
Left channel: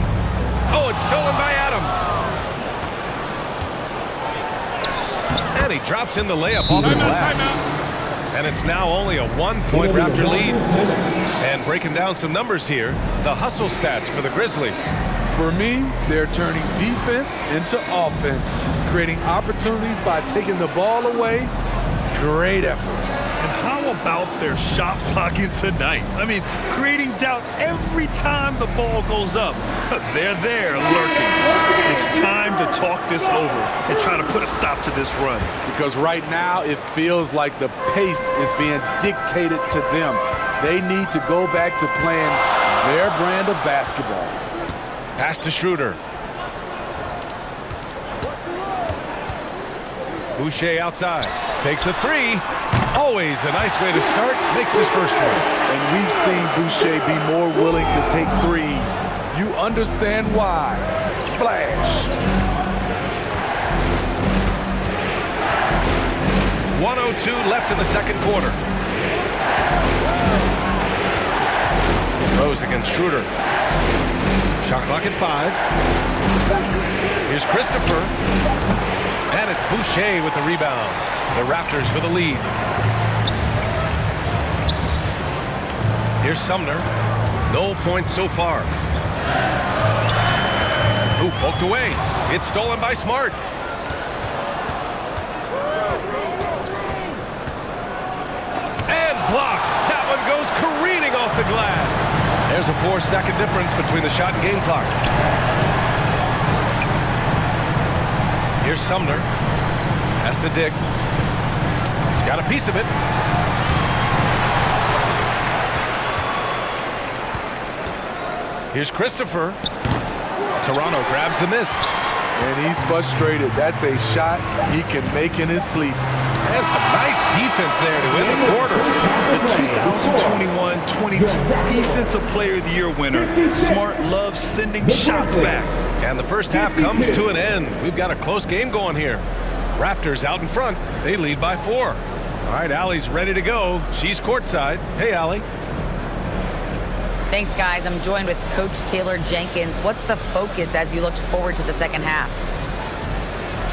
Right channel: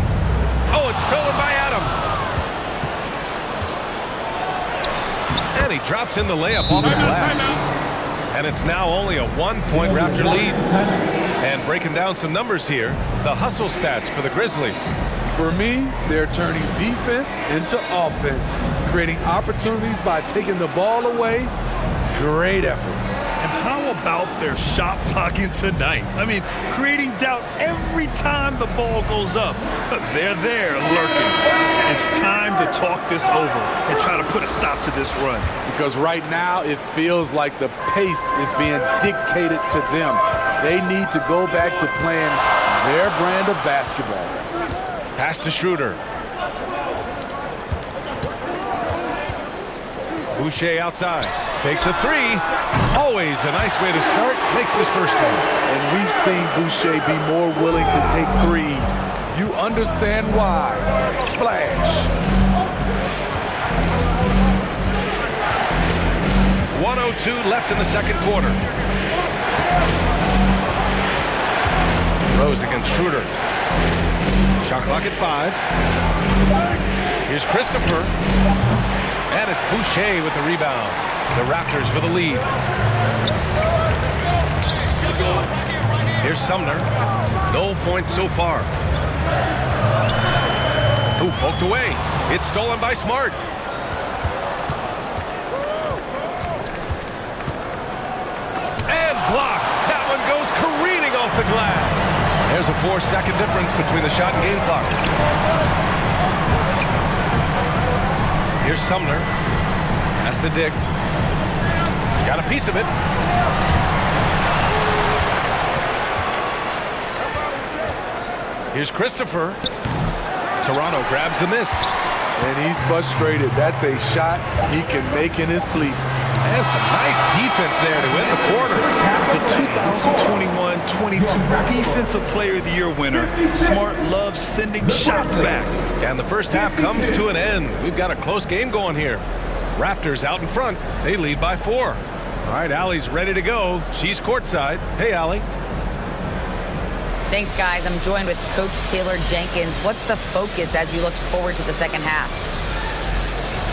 Oh, it's stolen by Adams. And he drops in the layup off the glass. And it's now only a 1-point Raptor lead. And breaking down some numbers here, the hustle stats for the Grizzlies. For me, they're turning defense into offense, creating opportunities by taking the ball away. Great effort. And how about their shot blocking tonight? I mean, creating doubt every time the ball goes up. They're there lurking. It's time to talk this over and try to put a stop to this run. Because right now it feels like the pace is being dictated to them. They need to go back to playing their brand of basketball. Pass to Schroeder. Boucher outside. Takes a three. Always a nice way to start. Makes his first one. And we've seen Boucher be more willing to take threes. You understand why. Splash. 1:02 left in the second quarter. Rose against Schroeder. Shot clock at 5. Here's Christopher. And it's Boucher with the rebound. The Raptors with the lead. Here's Sumner. No points so far. Ooh, poked away. It's stolen by Smart. And blocked. That one goes careening off the glass. There's a 4-second difference between the shot and game clock. Here's Sumner. Has to Dick. Got a piece of it. Here's Christopher. Toronto grabs the miss. And he's frustrated. That's a shot he can make in his sleep. And some nice defense there to win the quarter. The 2021-22 Defensive Player of the Year winner. Smart loves sending shots back. And the first half comes to an end. We've got a close game going here. Raptors out in front. They lead by 4. All right, Allie's ready to go. She's courtside. Hey, Allie. Thanks, guys. I'm joined with Coach Taylor Jenkins. What's the focus as you look forward to the second half?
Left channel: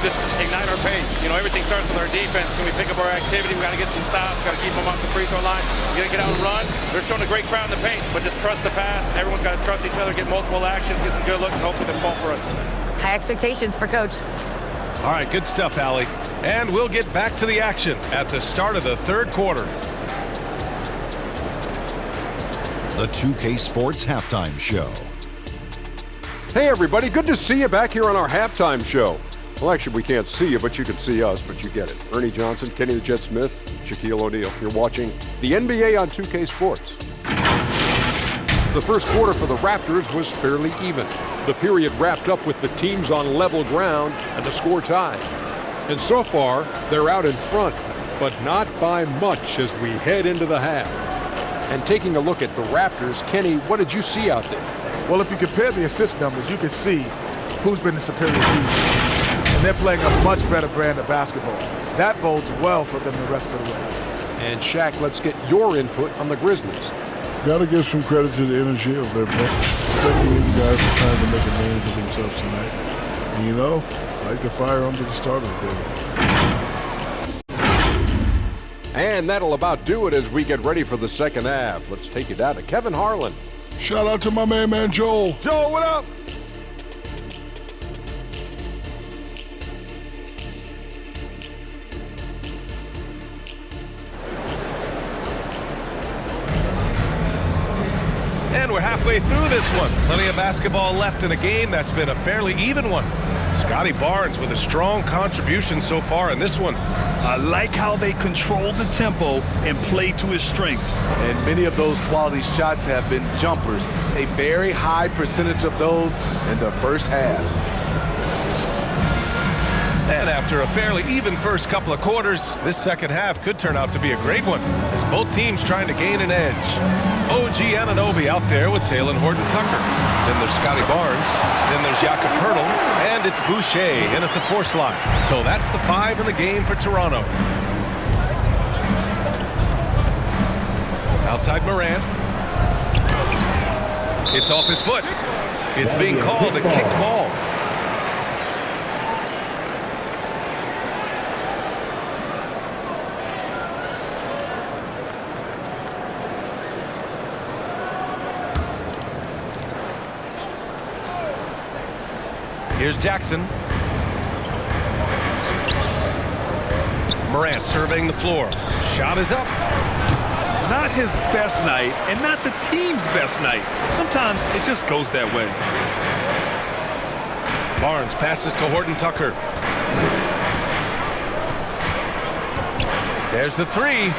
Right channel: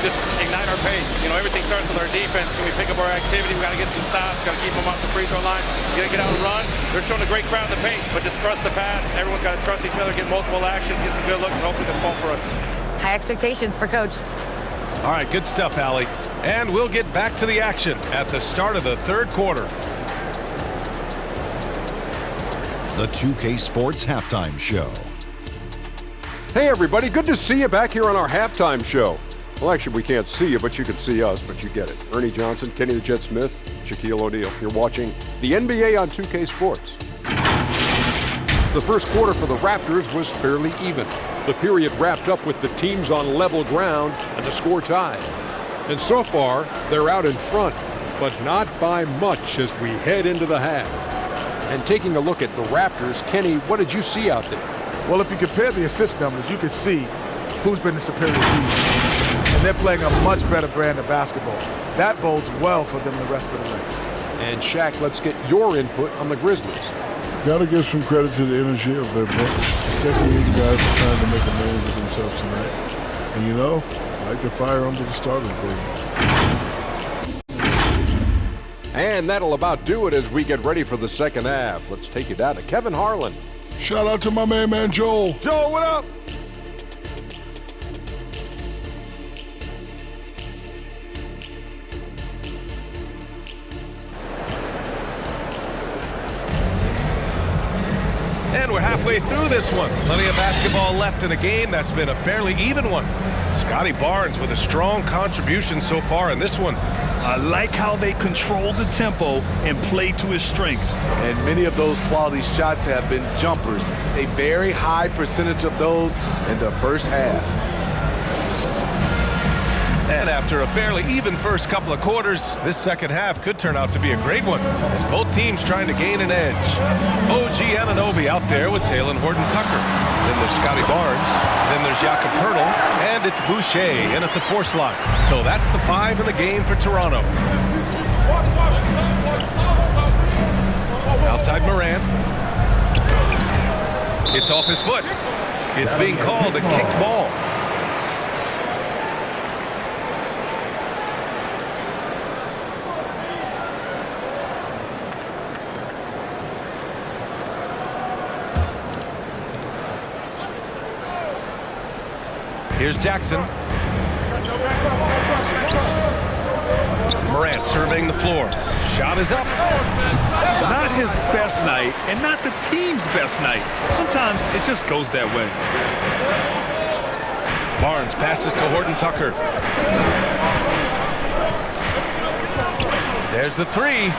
Just ignite our pace. You know, everything starts with our defense. Can we pick up our activity? We got to get some stops. Got to keep them off the free throw line. We got to get out and run. They're showing a great crowd in the paint, but just trust the pass. Everyone's got to trust each other, get multiple actions, get some good looks, and hopefully they'll fall for us. High expectations for Coach. All right, good stuff, Allie. And we'll get back to the action at the start of the third quarter. The 2K Sports Halftime Show. Hey, everybody. Good to see you back here on our halftime show. Well, actually, we can't see you, but you can see us, but you get it. Ernie Johnson, Kenny the Jet Smith, Shaquille O'Neal. You're watching the NBA on 2K Sports. The first quarter for the Raptors was fairly even. The period wrapped up with the teams on level ground and the score tied. And so far, they're out in front, but not by much as we head into the half. And taking a look at the Raptors, Kenny, what did you see out there? Well, if you compare the assist numbers, you can see who's been the superior team. And they're playing a much better brand of basketball. That bodes well for them the rest of the way. And Shaq, let's get your input on the Grizzlies. Got to give some credit to the energy of their bench. The second-year guys are trying to make a name for themselves tonight. And you know, I like to fire them to the starters, baby. And that'll about do it as we get ready for the second half. Let's take it down to Kevin Harlan. Shout out to my main man, Joel. Joel, what up? And we're halfway through this one. Plenty of basketball left in a game that's been a fairly even one. Scotty Barnes with a strong contribution so far in this one. I like how they control the tempo and play to his strengths. And many of those quality shots have been jumpers. A very high percentage of those in the first half. And after a fairly even first couple of quarters, this second half could turn out to be a great one as both teams trying to gain an edge. OG Anunoby out there with Taylor Horton-Tucker. Then there's Scotty Barnes. Then there's Jakob Poeltl. And it's Boucher in at the 4 slot. So that's the 5 in the game for Toronto. Outside Morant. It's off his foot. It's being called a kicked ball. Here's Jackson. Morant surveying the floor. Shot is up. Not his best night, and not the team's best night. Sometimes it just goes that way. Barnes passes to Horton Tucker. There's the three.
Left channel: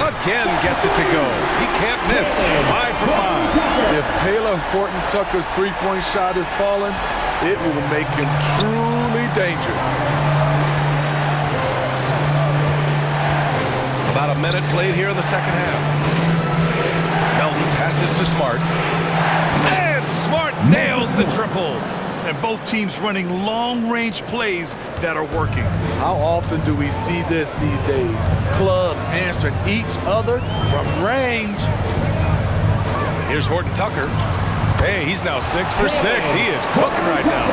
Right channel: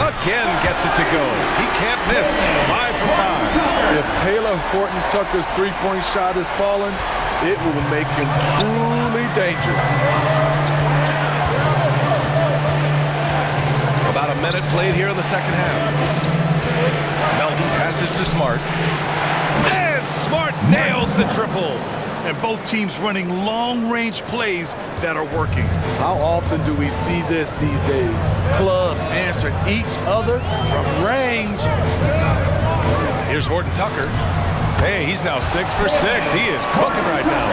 Again gets it to go. He can't miss. 5 for 5. If Taylor Horton Tucker's three-point shot is falling, it will make him truly dangerous. About a minute played here in the second half. Melton passes to Smart. And Smart nails the triple. And both teams running long-range plays that are working. How often do we see this these days? Clubs answering each other from range. Here's Horton Tucker. Hey, he's now 6 for 6. He is cooking right now.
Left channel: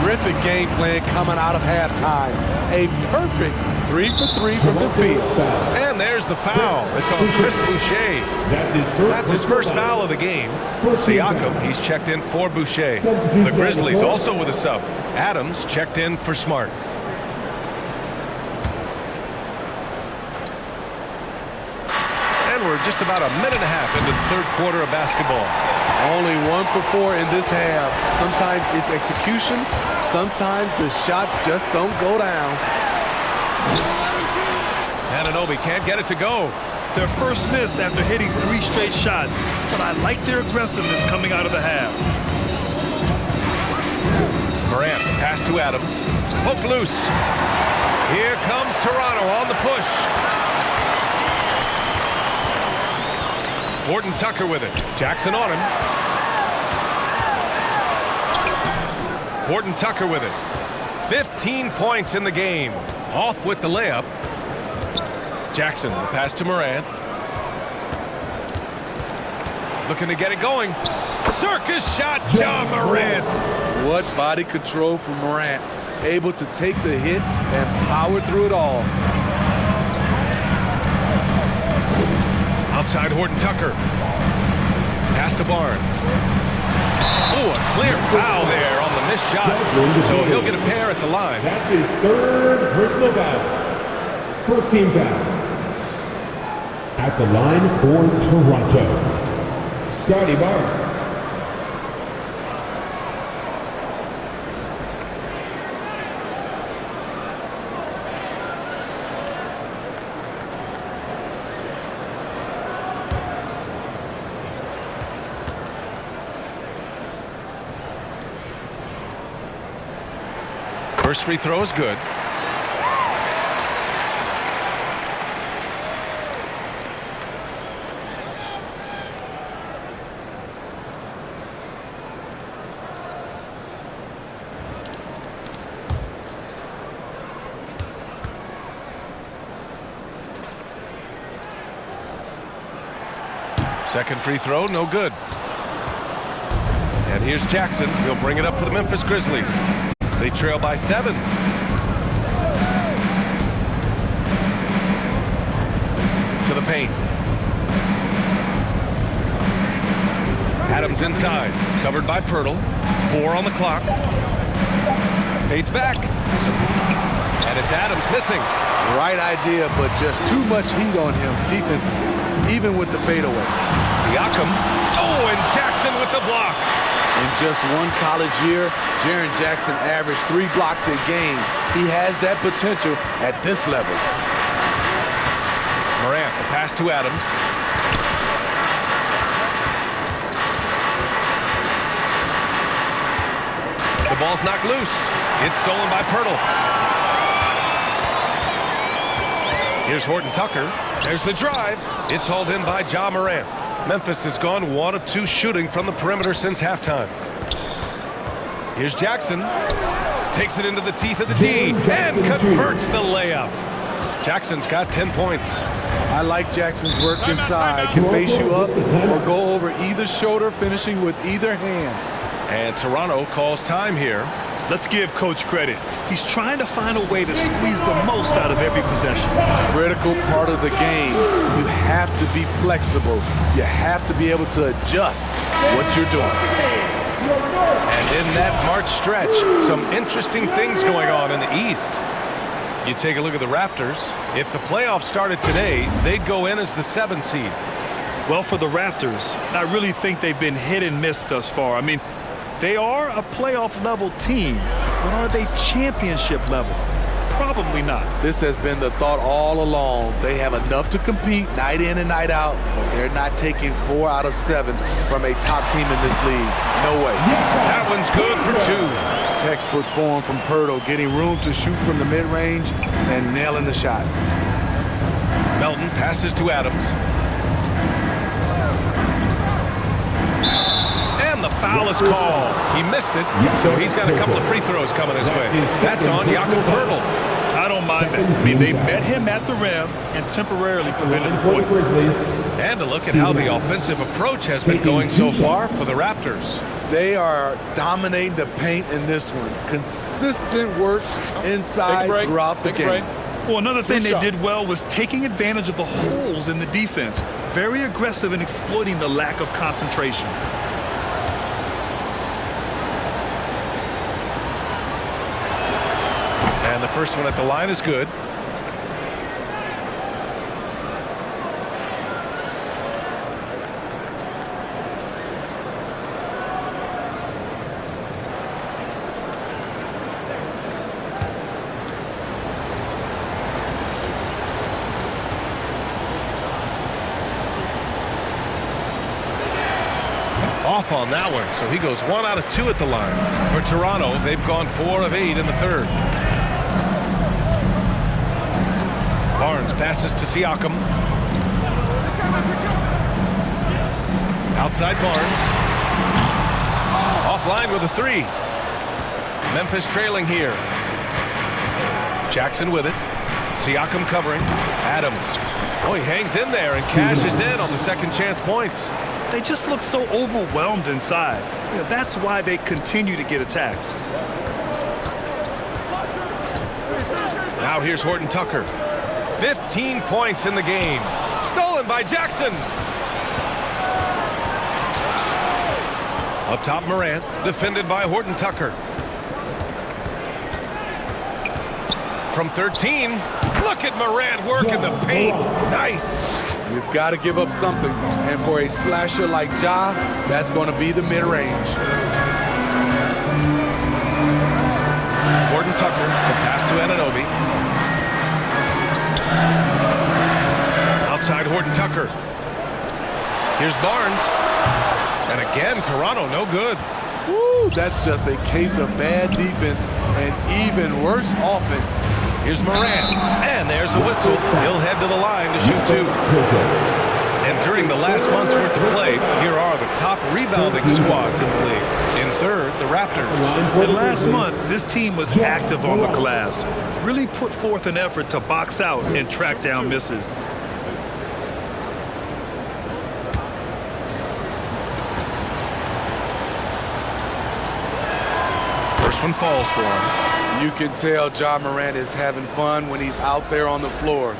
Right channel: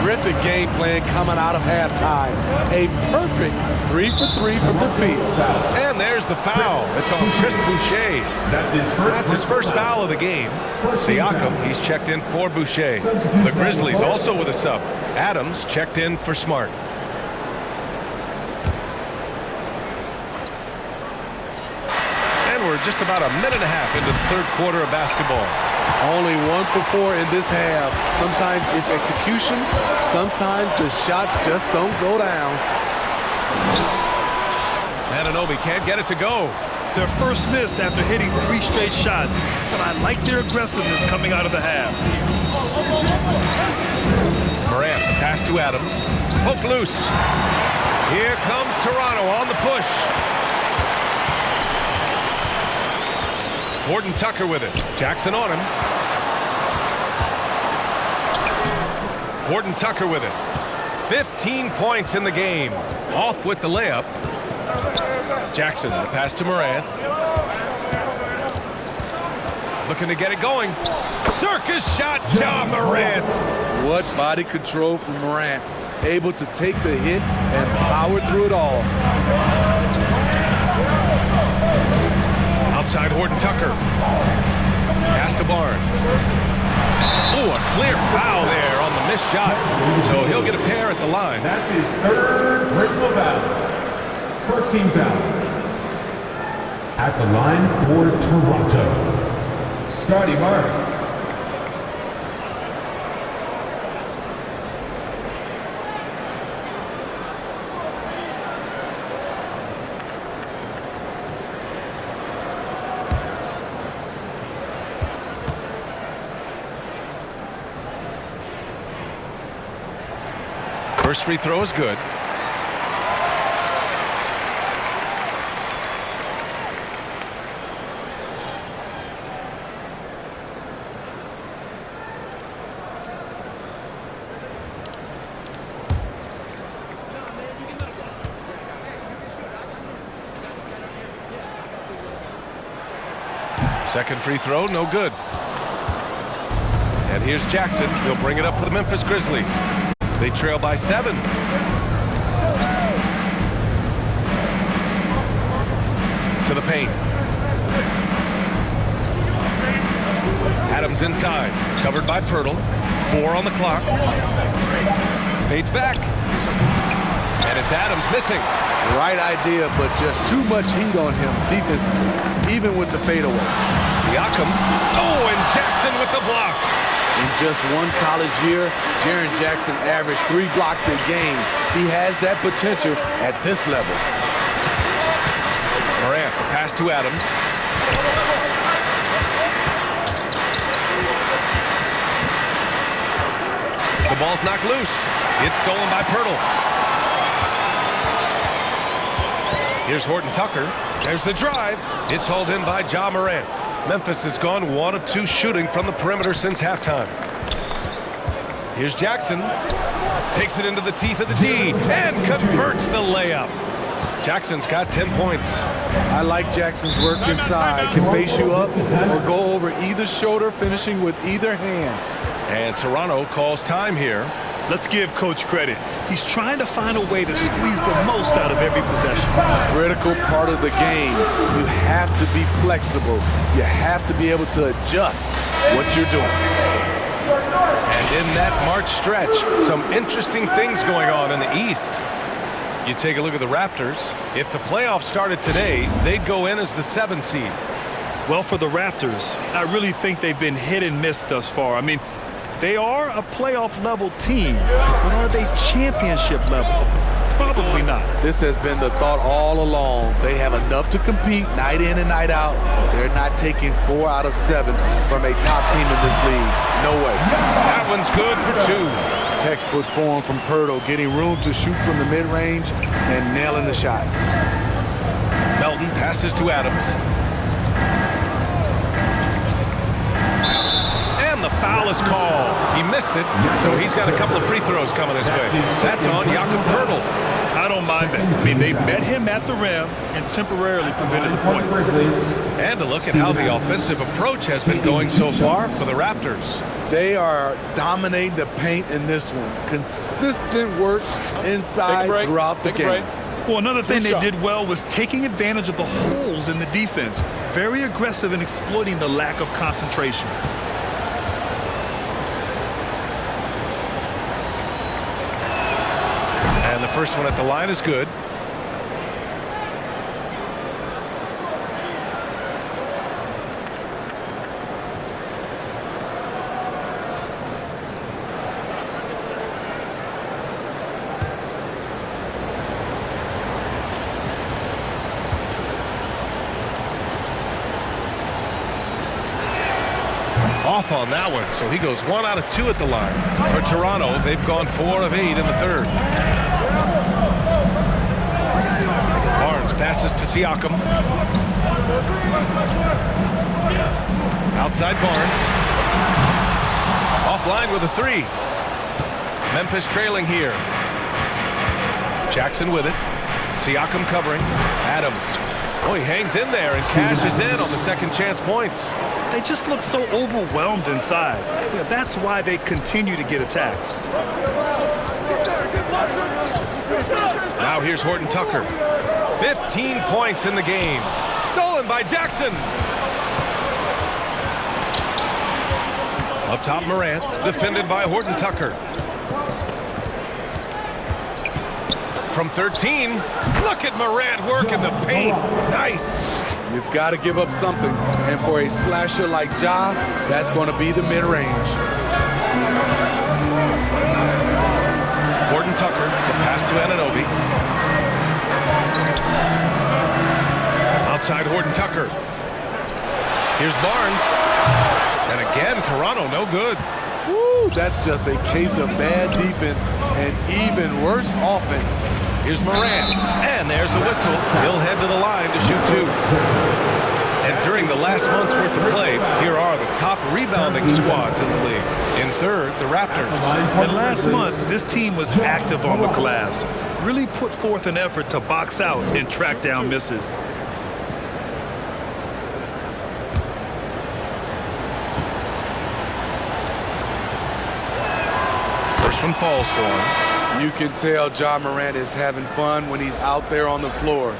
Terrific game plan coming out of halftime. A perfect 3 for 3 from the field. And there's the foul. It's on Chris Boucher. That's his first foul of the game. Siakam, he's checked in for Boucher. The Grizzlies also with a sub. Adams checked in for Smart. And we're just about a minute and a half into the third quarter of basketball. Only 1 for 4 in this half. Sometimes it's execution. Sometimes the shot just don't go down. Anunoby can't get it to go. Their first miss after hitting 3 straight shots, but I like their aggressiveness coming out of the half. Morant, the pass to Adams. Poke loose. Here comes Toronto on the push. Horton Tucker with it. Jackson on him. Horton Tucker with it. 15 points in the game. Off with the layup. Jackson, the pass to Morant. Looking to get it going. Circus shot, Ja Morant. What body control from Morant. Able to take the hit and power through it all. Outside Horton Tucker. Pass to Barnes. Oh, a clear foul there on the missed shot. So he'll get a pair at the line. That's his third personal foul. First team foul. At the line for Toronto, Scotty Barnes. First free throw is good. Second free throw, no good. And here's Jackson. He'll bring it up for the Memphis Grizzlies. They trail by 7. To the paint. Adams inside. Covered by Pirtle. 4 on the clock. Fades back. And it's Adams missing. Right idea, but just too much heat on him defensively, even with the fadeaway. Siakam. Oh, and Jackson with the block. In just one college year, Jaren Jackson averaged 3 blocks a game. He has that potential at this level. Morant, the pass to Adams. The ball's knocked loose. It's stolen by Pirtle. Here's Horton Tucker. There's the drive. It's hauled in by Ja Morant. Memphis has gone 1 of 2 shooting from the perimeter since halftime. Here's Jackson. Takes it into the teeth of the D and converts the layup. Jackson's got 10 points. I like Jackson's work inside. Can face you up or go over either shoulder, finishing with either hand. And Toronto calls time here. Let's give Coach credit. He's trying to find a way to squeeze the most out of every possession. Critical part of the game. You have to be flexible. You have to be able to adjust what you're doing. And in that March stretch, some interesting things going on in the East. You take a look at the Raptors. If the playoffs started today, they'd go in as the 7 seed. Well, for the Raptors, I really think they've been hit and miss thus far. I mean, they are a playoff-level team, but are they championship level? Probably not. This has been the thought all along. They have enough to compete night in and night out, but they're not taking 4 out of 7 from a top team in this league. No way. That one's good for 2. Textbook form from Pirtle, getting room to shoot from the mid-range and nailing the shot. Melton passes to Adams. And the foul is called. He missed it, so he's got a couple of free throws coming his way. That's on Jakob Pirtle. I don't mind that. I mean, they met him at the rim and temporarily prevented the points. And a look at how the offensive approach has been going so far for the Raptors. They are dominating the paint in this one. Consistent work inside throughout the game. Well, another thing they did well was taking advantage of the holes in the defense. Very aggressive in exploiting the lack of concentration. And the first one at the line is good. Off on that one, so he goes 1 out of 2 at the line. For Toronto, they've gone 4 of 8 in the third. Barnes passes to Siakam. Outside Barnes. Offline with a 3. Memphis trailing here. Jackson with it. Siakam covering. Adams. Oh, he hangs in there and cashes in on the second chance points. They just look so overwhelmed inside. That's why they continue to get attacked. Now here's Horton Tucker. 15 points in the game. Stolen by Jackson. Up top, Morant, defended by Horton Tucker. From 13, look at Morant work in the paint. Nice. You've got to give up something, and for a slasher like Ja, that's going to be the mid-range. Horton Tucker, the pass to Anunoby. Outside Horton Tucker. Here's Barnes. And again, Toronto no good. Woo, that's just a case of bad defense and even worse offense. Here's Morant, and there's a whistle. He'll head to the line to shoot 2. And during the last month's worth of play, here are the top rebounding squads in the league. In third, the Raptors. And last month, this team was active on the glass. Really put forth an effort to box out and track down misses. First one falls for him. You can tell Ja Morant is having fun when he's out there on the floor.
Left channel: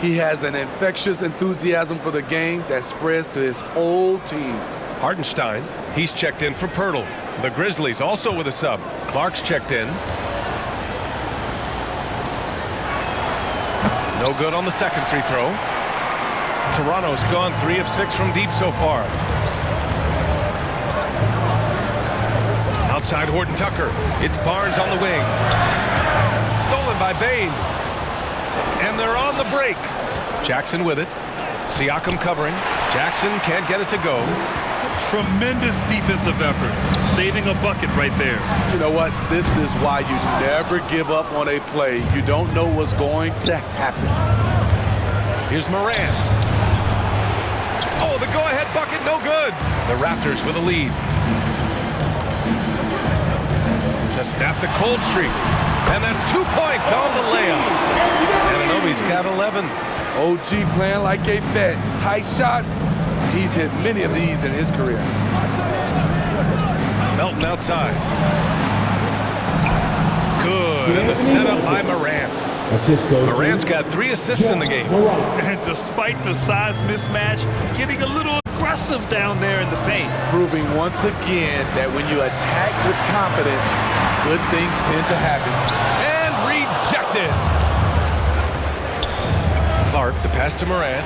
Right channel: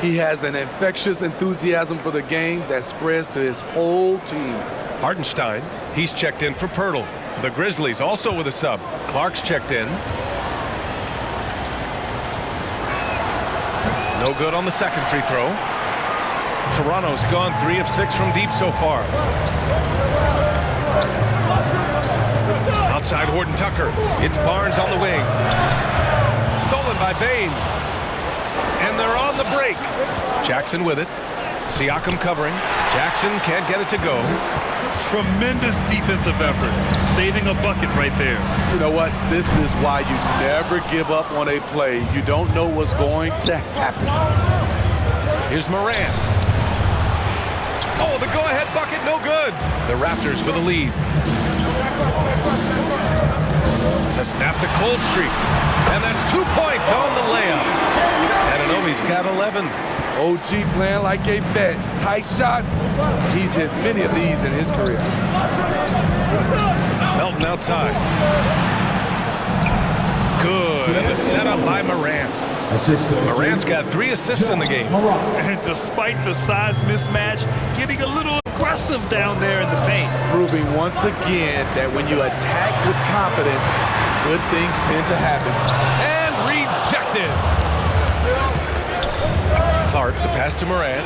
He has an infectious enthusiasm for the game that spreads to his whole team. Hartenstein, he's checked in for Pirtle. The Grizzlies also with a sub. Clark's checked in. No good on the second free throw. Toronto's gone 3 of 6 from deep so far. Outside Horton Tucker. It's Barnes on the wing. Stolen by Bane. And they're on the break. Jackson with it. Siakam covering. Jackson can't get it to go. Tremendous defensive effort. Saving a bucket right there. You know what? This is why you never give up on a play. You don't know what's going to happen. Here's Morant. Oh, the go-ahead bucket, no good. The Raptors with a lead. To snap the cold streak. And that's 2 points on the layup. Anunoby's got 11. OG playing like a vet. Tight shots. He's hit many of these in his career. Melton outside. Good. And the setup by Morant. Morant's got 3 assists in the game. And despite the size mismatch, getting a little aggressive down there in the paint. Proving once again that when you attack with confidence, good things tend to happen. And rejected. Smart, the pass to Morant.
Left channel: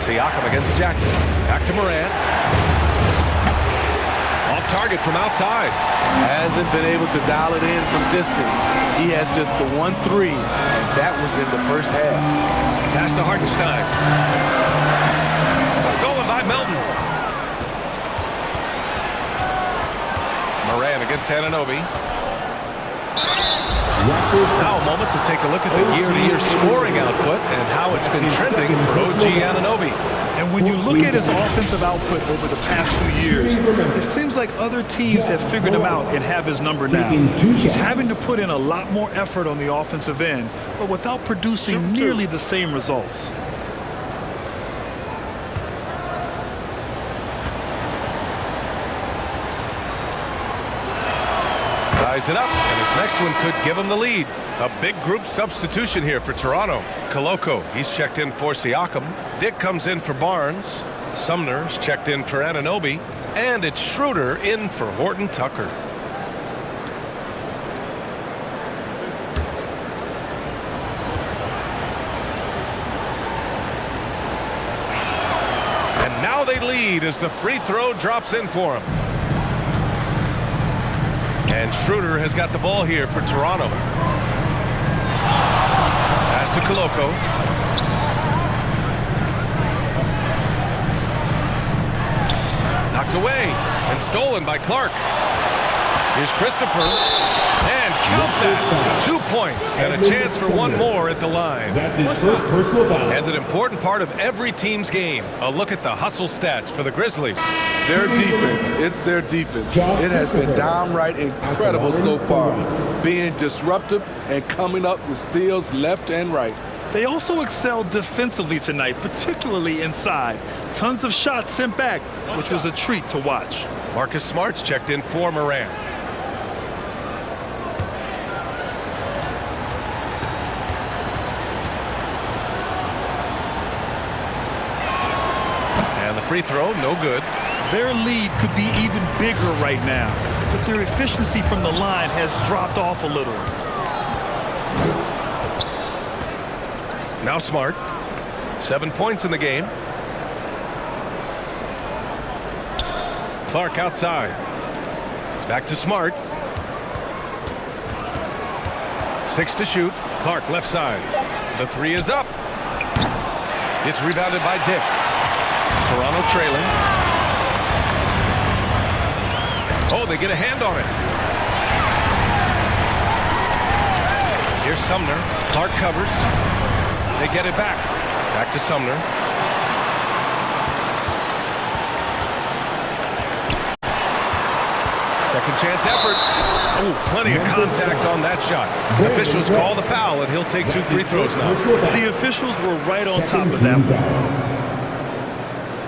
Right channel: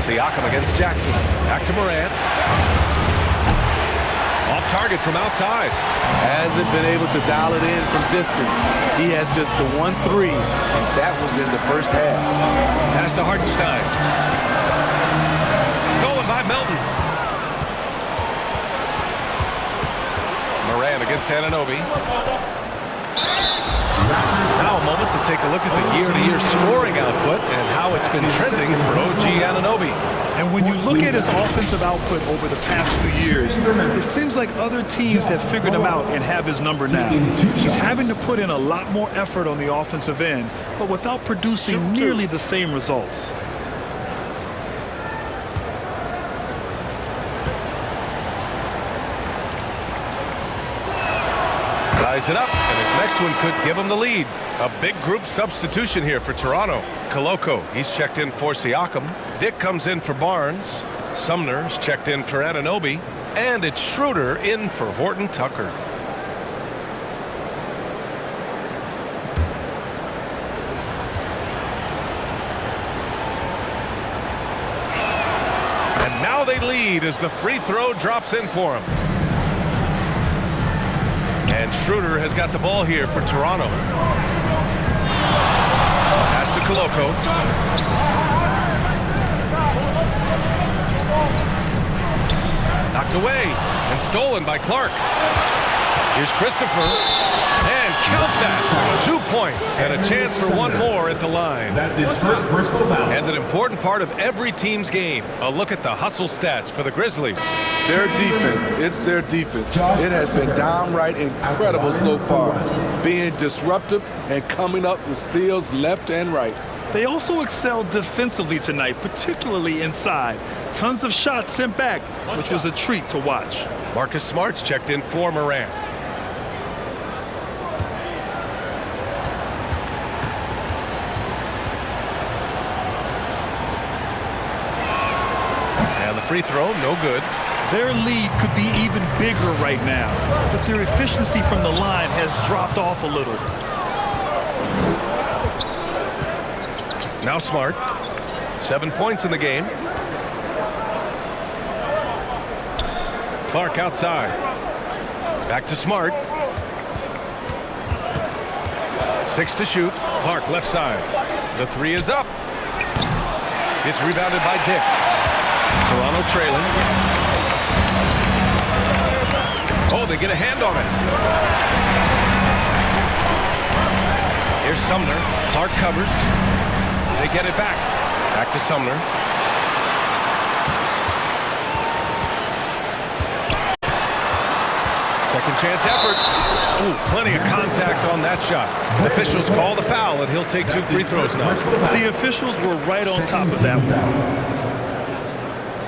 Siakam against Jackson. Back to Morant. Off target from outside. Hasn't been able to dial it in from distance. He has just the 1-3, and that was in the first half. Pass to Hartenstein. Stolen by Melton. Morant against Anunoby. Now a moment to take a look at the year-to-year scoring output and how it's been trending for OG Anunoby. And when you look at his offensive output over the past few years, it seems like other teams have figured him out and have his number now. He's having to put in a lot more effort on the offensive end, but without producing nearly the same results. Ties it up, and his next one could give him the lead. A big group substitution here for Toronto. Koloko, he's checked in for Siakam. Dick comes in for Barnes. Sumner's checked in for Anunoby. And it's Schroeder in for Horton Tucker. And now they lead as the free throw drops in for him. And Schroeder has got the ball here for Toronto. Pass to Koloko. Knocked away and stolen by Clark. Here's Christopher. And count that. 2 points and a chance for one more at the line. That's his first personal foul. And an important part of every team's game. A look at the hustle stats for the Grizzlies. Their defense, it's their defense. It has been downright incredible so far, being disruptive and coming up with steals left and right. They also excelled defensively tonight, particularly inside. Tons of shots sent back, which was a treat to watch. Marcus Smart's checked in for Morant. And the free throw, no good. Their lead could be even bigger right now, but their efficiency from the line has dropped off a little. Now Smart. 7 points in the game. Clark outside. Back to Smart. 6 to shoot. Clark left side. The three is up. It's rebounded by Dick. Toronto trailing. Oh, they get a hand on it. Here's Sumner. Clark covers. They get it back. Back to Sumner. Second chance effort. Oh, plenty of contact on that shot. Officials call the foul, and he'll take 2 free throws now. The officials were right on top of that one.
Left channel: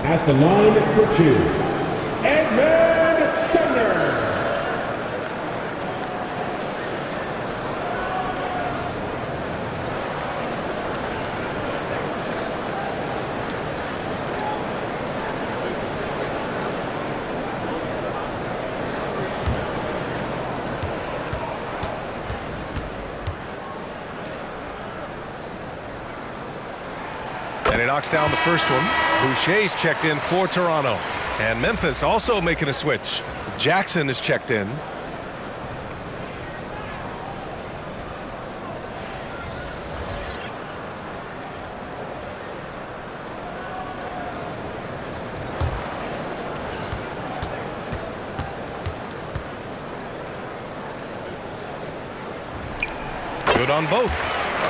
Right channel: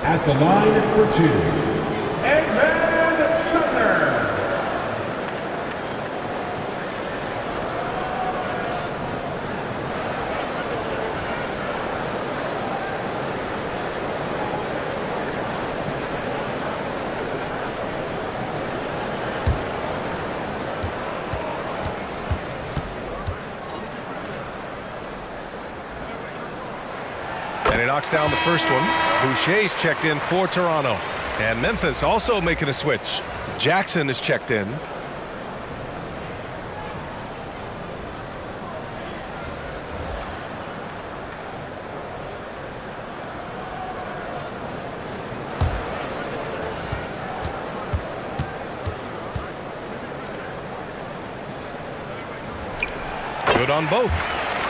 At the line for 2, Edmund Sumner. And he knocks down the first one. Boucher's checked in for Toronto. And Memphis also making a switch. Jackson is checked in. Good on both.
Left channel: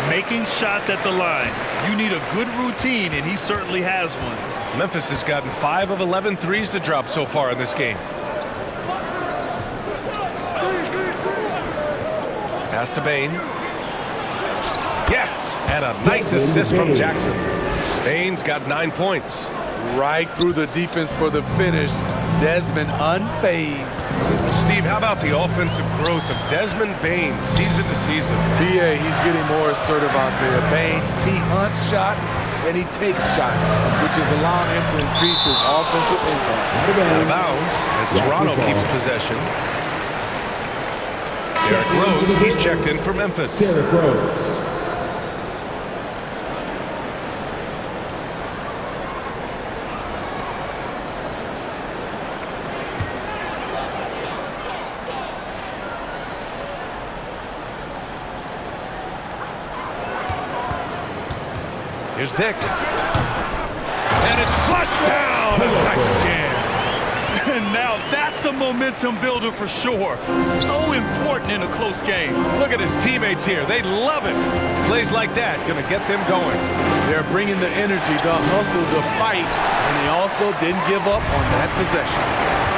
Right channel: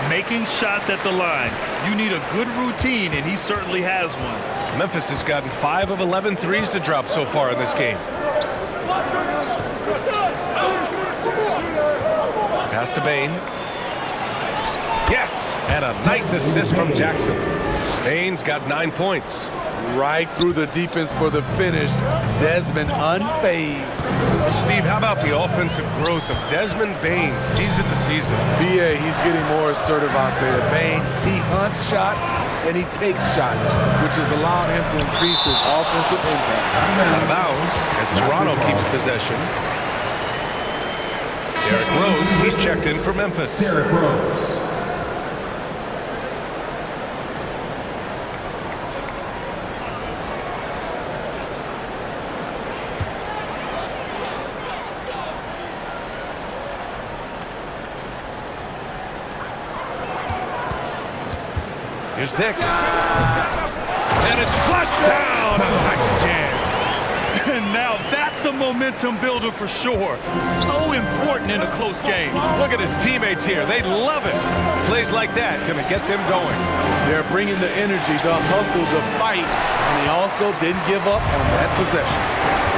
Making shots at the line. You need a good routine, and he certainly has one. Memphis has gotten 5 of 11 threes to drop so far in this game. Pass to Bane. Yes! And a nice assist from Jackson. Bane's got 9 points. Right through the defense for the finish. Desmond unfazed. Well, Steve, how about the offensive growth of Desmond Bane season to season? BA, he's getting more assertive out there. Bane, he hunts shots and he takes shots, which is allowing him to increase his offensive impact. Out of bounds as Toronto keeps possession. Derrick Rose, he's checked in for Memphis. Derrick Rose. Here's Dick. And it's flushed down. A nice jam. And now that's a momentum builder for sure. So important in a close game. Look at his teammates here. They love it. Plays like that going to get them going. They're bringing the energy, the hustle, the fight, and they also didn't give up on that possession.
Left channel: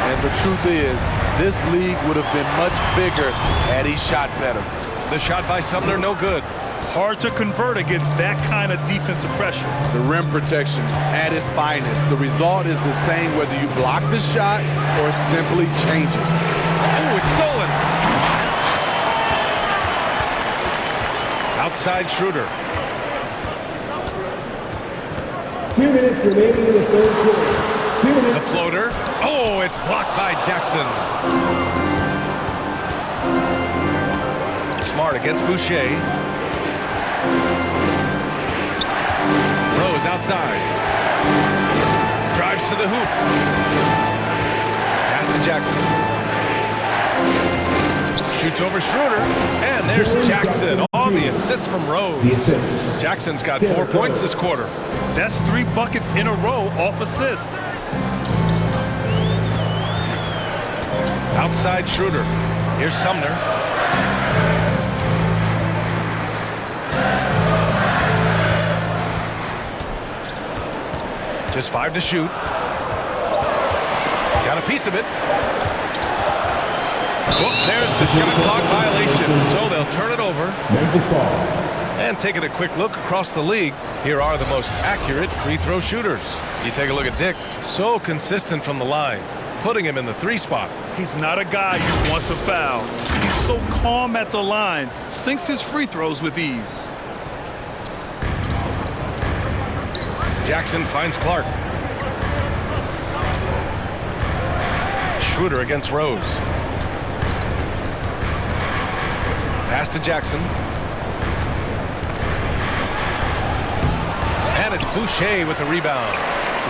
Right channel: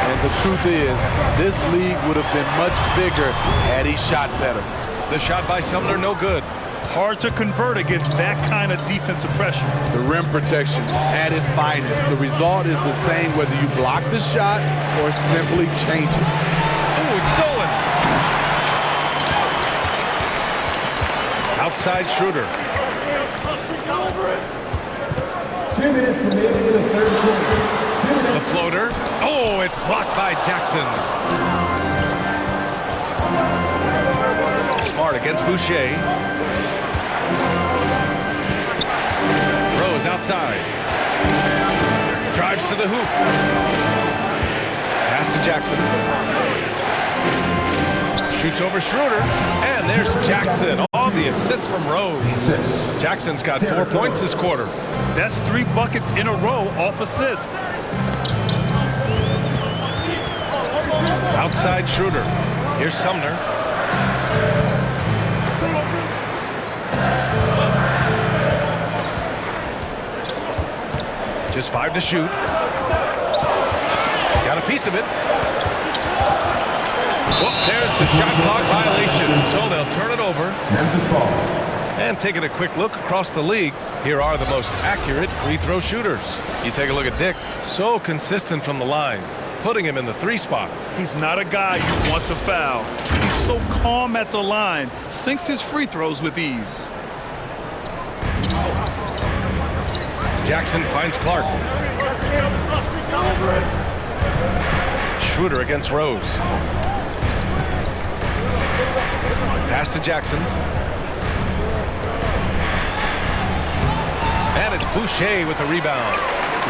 And the truth is, this league would have been much bigger had he shot better. The shot by Sumner, no good. Hard to convert against that kind of defensive pressure. The rim protection at its finest. The result is the same whether you block the shot or simply change it. Oh, it's stolen. Outside Schroeder. 2 minutes remaining in the third quarter. 2 minutes. The floater. Oh, it's blocked by Jackson. Smart against Boucher. Rose outside. Drives to the hoop. Pass to Jackson. Shoots over Schroeder. And there's Jackson on the assist from Rose. Jackson's got 4 points this quarter. That's 3 buckets in a row off assist. Outside Schroeder. Here's Sumner. Just 5 to shoot. Got a piece of it. Well, there's the shot clock violation. So they'll turn it over. Memphis ball. And taking a quick look across the league, here are the most accurate free throw shooters. You take a look at Dick. So consistent from the line, putting him in the 3 spot. He's not a guy you want to foul. He's so calm at the line, sinks his free throws with ease. Jackson finds Clark. Schroeder against Rose. Pass to Jackson. And it's Boucher with the rebound.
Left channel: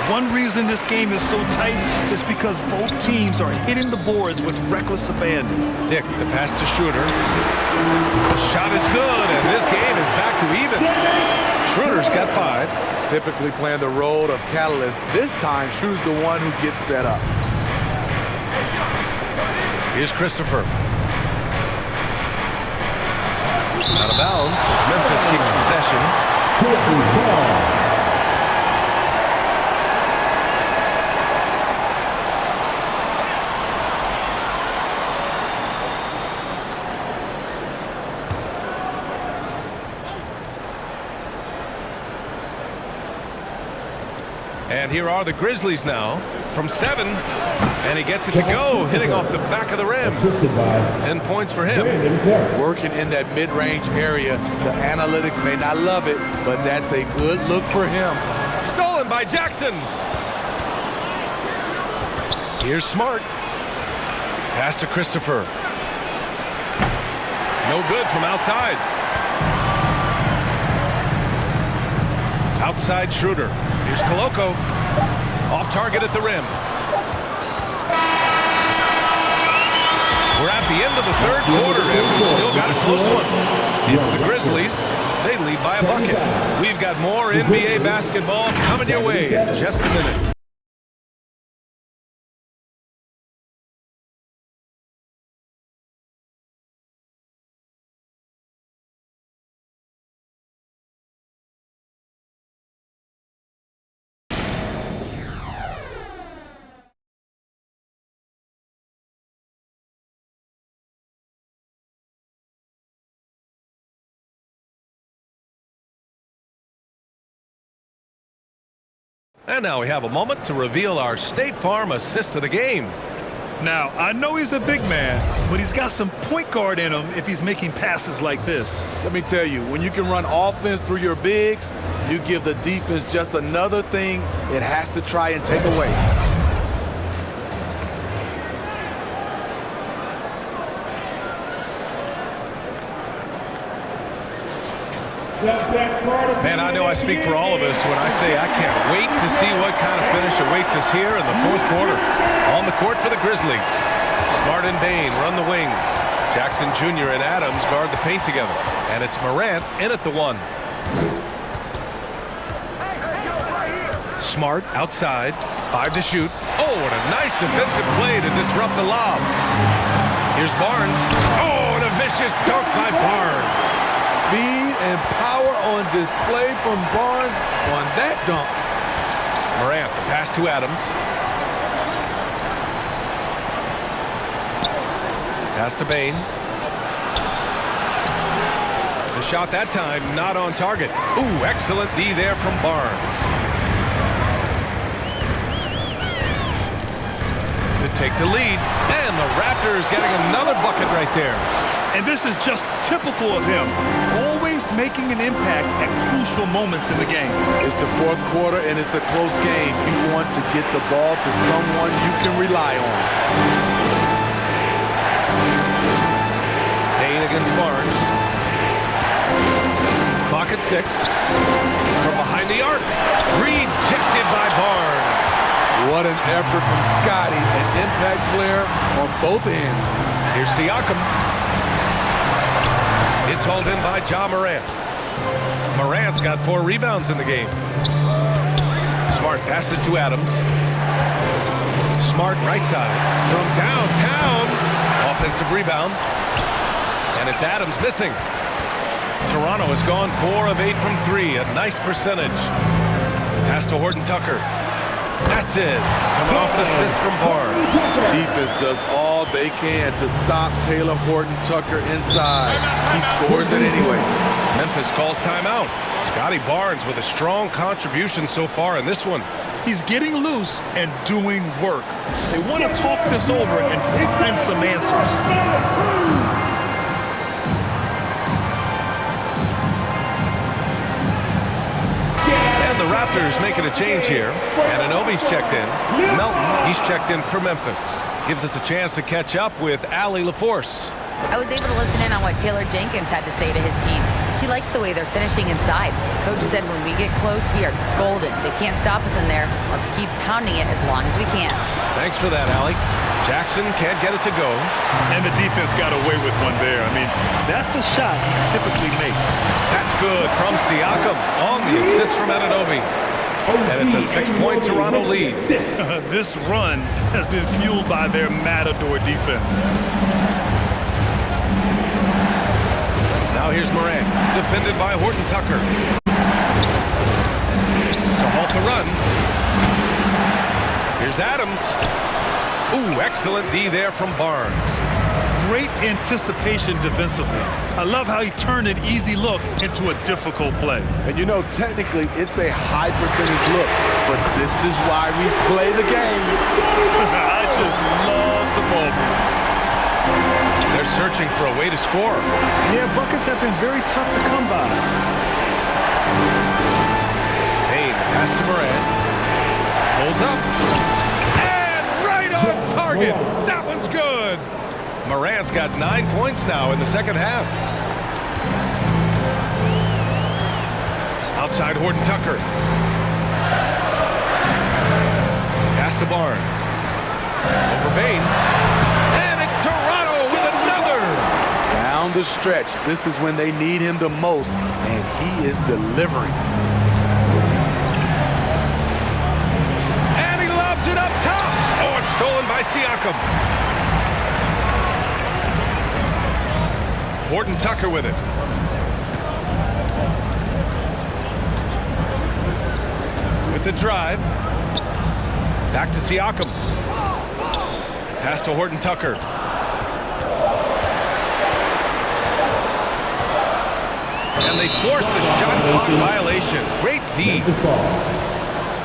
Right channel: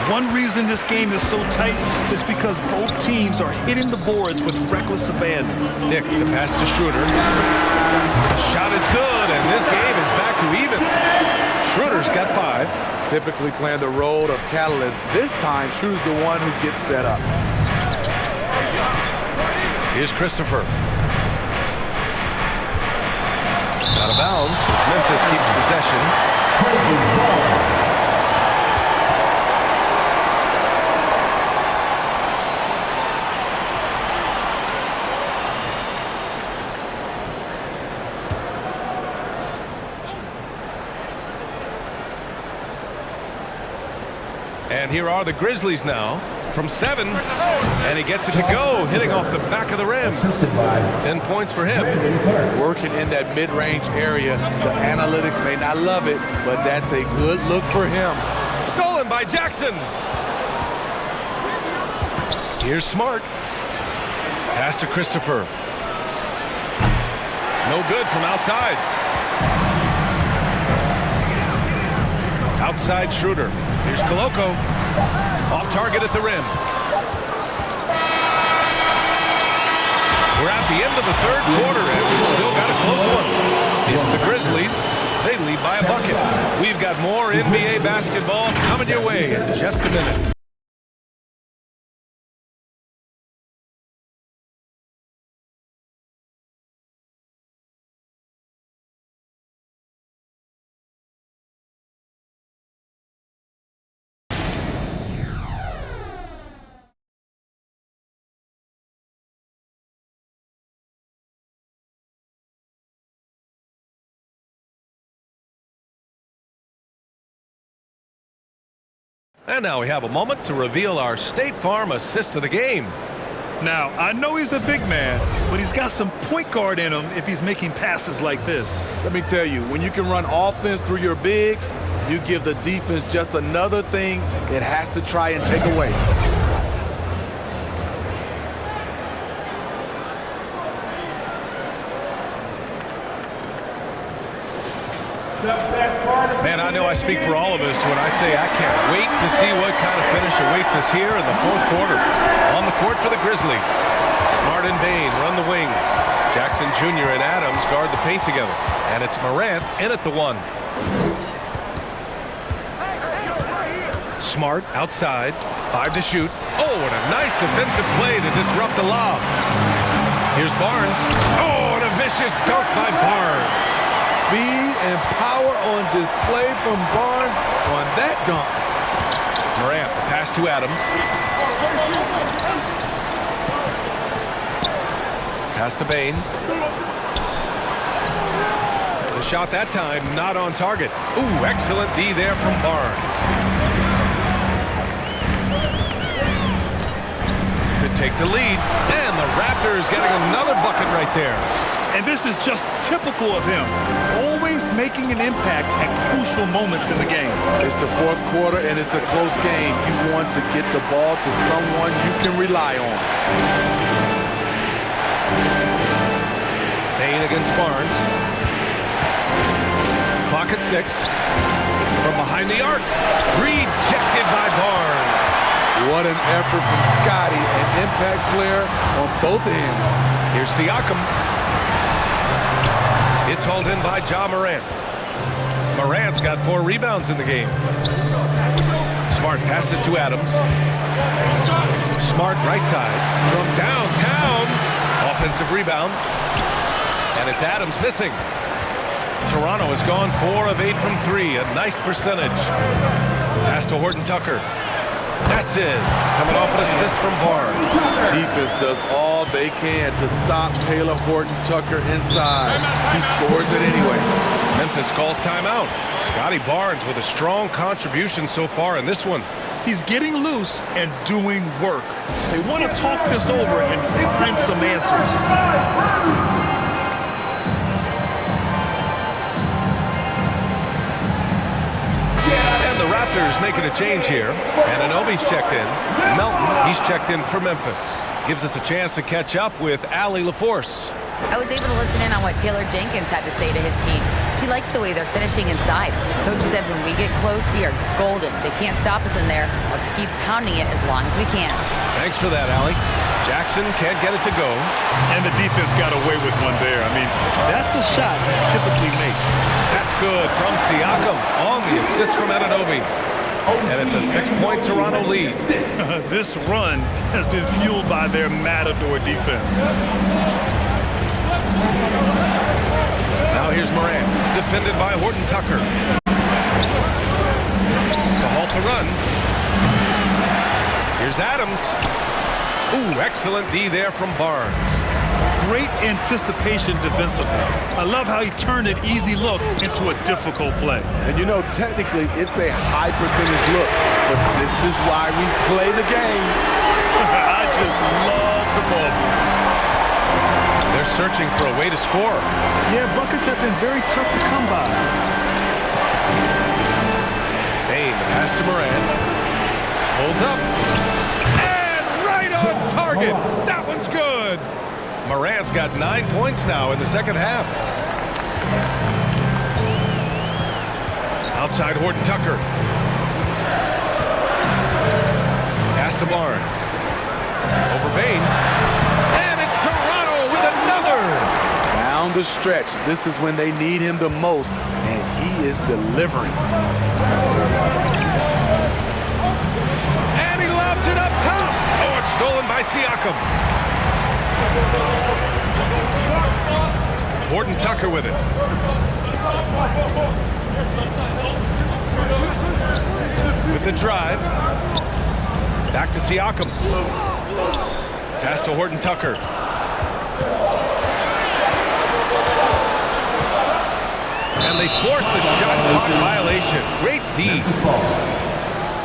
One reason this game is so tight is because both teams are hitting the boards with reckless abandon. Dick, the pass to Schroeder. The shot is good, and this game is back to even. Schroeder's got 5. Typically playing the role of catalyst. This time, Schroeder's the one who gets set up. Here's Christopher. Out of bounds as Memphis keeps possession. And here are the Grizzlies now from 7. And he gets it to go, hitting off the back of the rim. 10 points for him. Working in that mid-range area. The analytics may not love it, but that's a good look for him. Stolen by Jackson. Here's Smart. Pass to Christopher. No good from outside. Outside Schroeder. Here's Koloko. Off target at the rim. We're at the end of the third quarter, and we've still got a close one. It's the Grizzlies. They lead by a bucket. We've got more NBA basketball coming your way in just a minute. And now we have a moment to reveal our State Farm assist of the game. Now, I know he's a big man, but he's got some point guard in him if he's making passes like this. Let me tell you, when you can run offense through your bigs, you give the defense just another thing it has to try and take away. Man, I know I speak for all of us when I say I can't wait to see what kind of finish awaits us here in the fourth quarter. On the court for the Grizzlies. Smart and Bain run the wings. Jackson Jr. and Adams guard the paint together. And it's Morant in at the 1. Smart outside. 5 to shoot. Oh, and a nice defensive play to disrupt the lob. Here's Barnes. Oh, and a vicious dunk by Barnes. Speed and power on display from Barnes on that dunk. Morant, the pass to Adams. Pass to Bane. The shot that time not on target. Ooh, excellent D there from Barnes. To take the lead, and the Raptors getting another bucket right there. And this is just typical of him, always making an impact at crucial moments in the game. It's the fourth quarter, and it's a close game. You want to get the ball to someone you can rely on. Payne against Barnes. Clock at 6. From behind the arc. Rejected by Barnes. What an effort from Scotty, an impact player on both ends. Here's Siakam. It's hauled in by Ja Morant. Morant's got 4 rebounds in the game. Smart passes to Adams. Smart right side. From downtown. Offensive rebound. And it's Adams missing. Toronto has gone 4 of 8 from 3. A nice percentage. Pass to Horton Tucker. That's it. Coming off an assist from Barnes. Defense does all they can to stop Taylor Horton Tucker inside. He scores it anyway. Memphis calls timeout. Scotty Barnes with a strong contribution so far in this one. He's getting loose and doing work. They want to talk this over and find some answers. The Raptors making a change here. Anunoby's checked in. Melton, he's checked in for Memphis. Gives us a chance to catch up with Allie LaForce. I was able to listen in on what Taylor Jenkins had to say to his team. He likes the way they're finishing inside. Coach said when we get close, we are golden. They can't stop us in there. Let's keep pounding it as long as we can. Thanks for that, Allie. Jackson can't get it to go. And the defense got away with one there. I mean, that's a shot he typically makes. That's good from Siakam on the assist from Anunoby. And it's a 6-point Toronto lead. This run has been fueled by their matador defense. Now here's Morant, defended by Horton Tucker. To halt the run. Here's Adams. Ooh, excellent D there from Barnes. Great anticipation defensively. I love how he turned an easy look into a difficult play. And you know, technically, it's a high percentage look, but this is why we play the game. I just love the ball movement. They're searching for a way to score. Yeah, buckets have been very tough to come by. Payne, the pass to Morant. Pulls up. And right on target. That one's good. Morant's got 9 points now in the second half. Outside Horton Tucker. Pass to Barnes. Over Bane. And it's Toronto with another. Down the stretch. This is when they need him the most, and he is delivering. And he lobs it up top. Oh, it's stolen by Siakam. Horton Tucker with it. With the drive. Back to Siakam. Pass to Horton Tucker. And they forced the shot clock violation. Great D.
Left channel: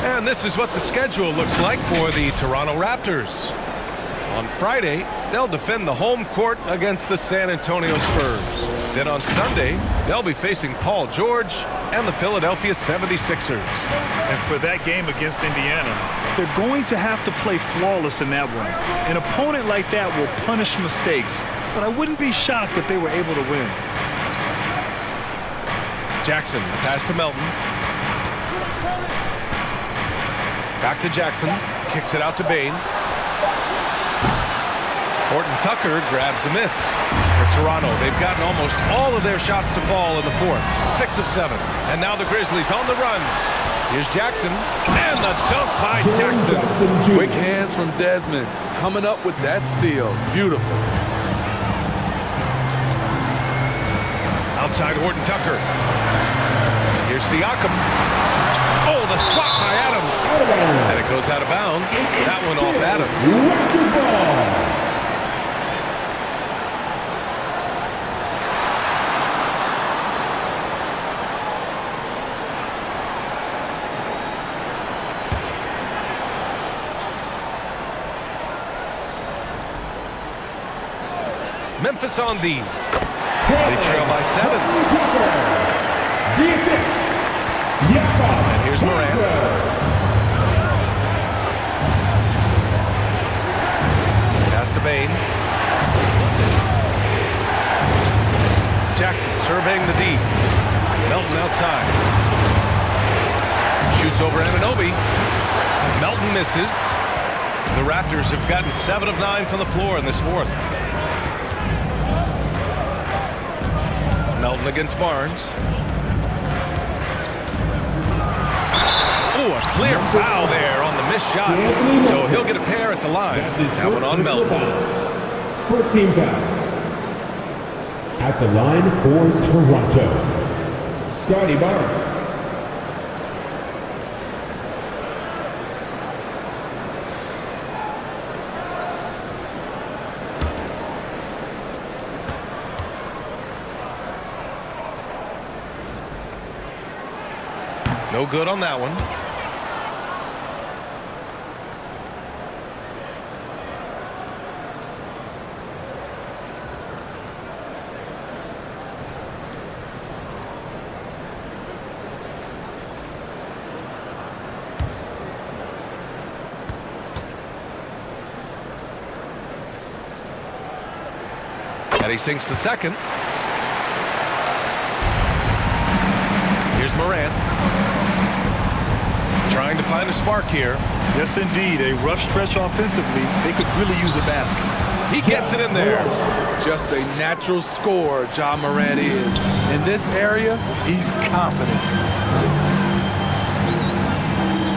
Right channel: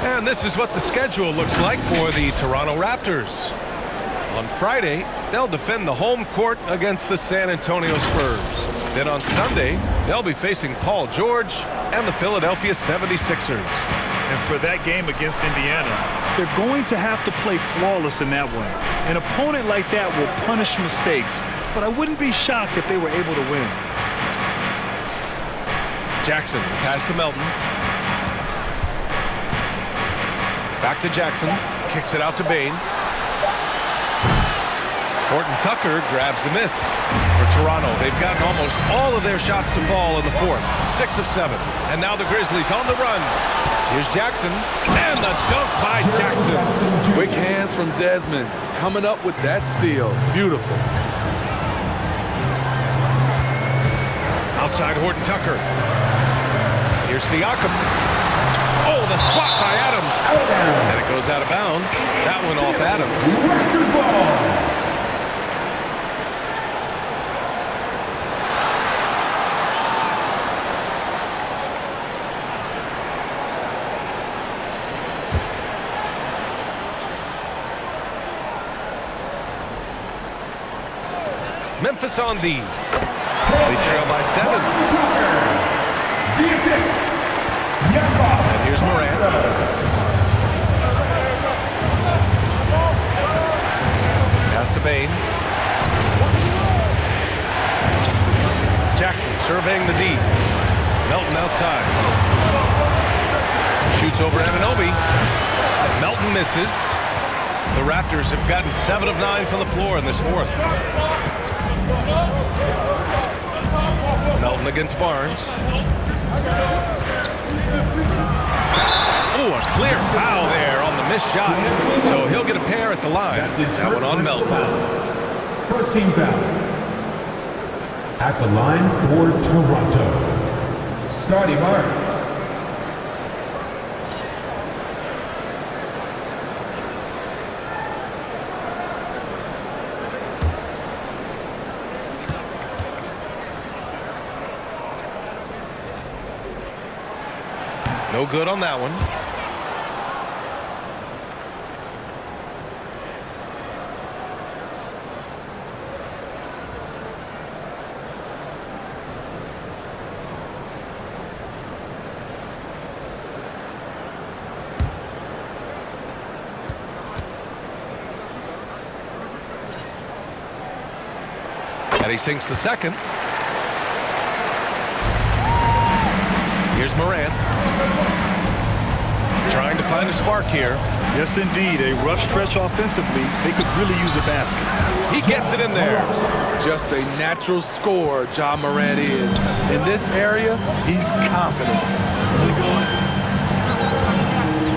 And this is what the schedule looks like for the Toronto Raptors. On Friday, they'll defend the home court against the San Antonio Spurs. Then on Sunday, they'll be facing Paul George and the Philadelphia 76ers. And for that game against Indiana, they're going to have to play flawless in that one. An opponent like that will punish mistakes, but I wouldn't be shocked if they were able to win. Jackson, the pass to Melton. Back to Jackson, kicks it out to Bane. Horton Tucker grabs the miss. For Toronto, they've gotten almost all of their shots to fall in the fourth. 6 of 7. And now the Grizzlies on the run. Here's Jackson. And the dunk by Jackson. Quick hands from Desmond. Coming up with that steal. Beautiful. Outside Horton Tucker. Here's Siakam. Oh, the swat by Adams. And it goes out of bounds. That one off Adams. Raptors ball. Memphis on D. They trail by 7. And here's Morant. Pass to Bain. Jackson surveying the D. Melton outside. Shoots over Anunoby. Melton misses. The Raptors have gotten 7 of 9 from the floor in this fourth. Melton against Barnes. Oh, a clear foul there on the missed shot. So he'll get a pair at the line. That one on Melton. First team foul. At the line for Toronto, Scotty Barnes. No good on that one. And he sinks the second. Here's Morant. Trying to find a spark here. Yes, indeed. A rough stretch offensively. They could really use a basket. He gets it in there. Just a natural scorer, Ja Morant is. In this area, he's confident.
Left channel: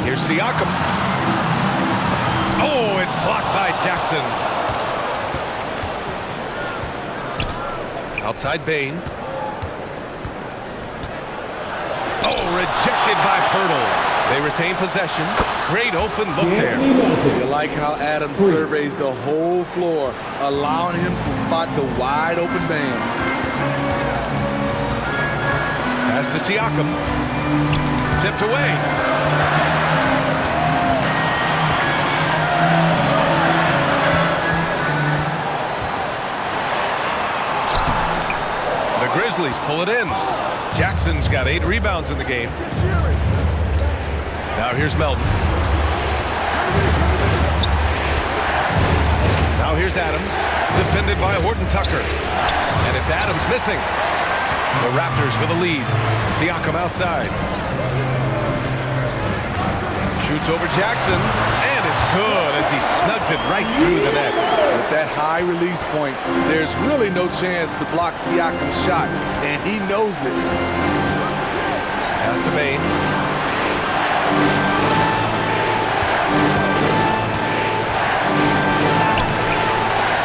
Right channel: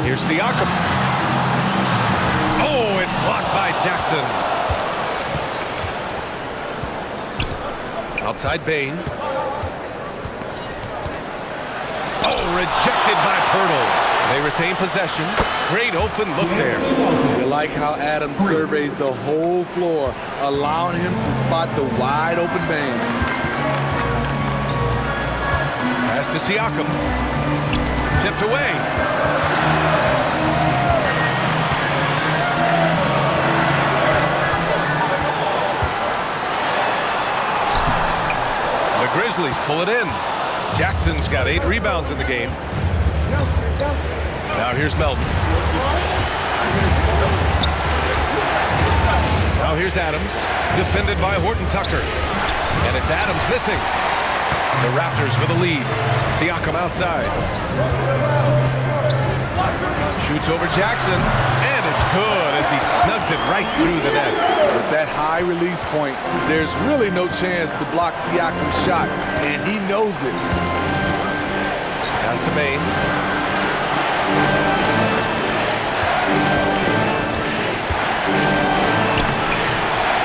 Here's Siakam. Oh, it's blocked by Jackson. Outside Bain. Oh, rejected by Pirtle. They retain possession. Great open look there. You like how Adams surveys the whole floor, allowing him to spot the wide open man. Pass to Siakam. Tipped away. The Grizzlies pull it in. Jackson's got 8 rebounds in the game. Now here's Melton. Now here's Adams, defended by Horton Tucker. And it's Adams missing. The Raptors with a lead. Siakam outside. Shoots over Jackson, and it's good as he snugs it right through the net. With that high release point, there's really no chance to block Siakam's shot, and he knows it. Pass to Bain.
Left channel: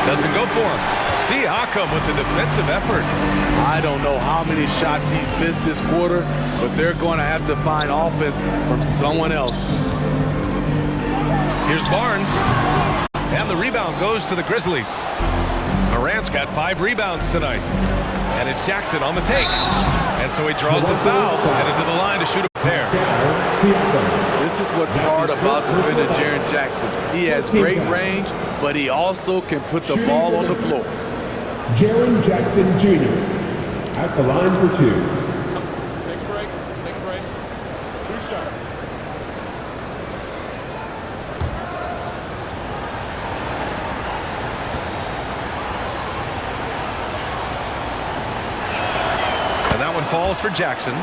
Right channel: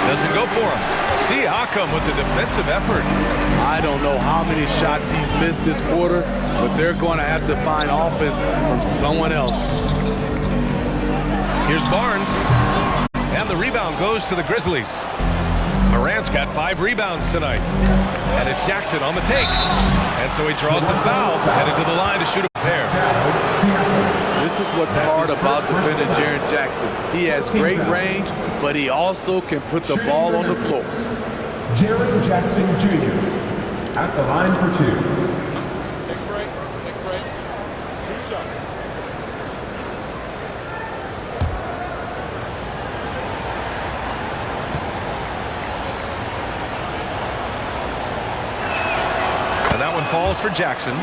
Doesn't go for him. Siakam with the defensive effort. I don't know how many shots he's missed this quarter, but they're going to have to find offense from someone else. Here's Barnes. And the rebound goes to the Grizzlies. Morant's got 5 rebounds tonight. And it's Jackson on the take. And so he draws the foul, headed to the line to shoot a pair. This is what's hard about defending Jaren Jackson. He has great range, but he also can put the ball on the floor. Jaren Jackson Jr. at the line for 2. Take a break. Take a break. 2 shots. And that one falls for Jackson.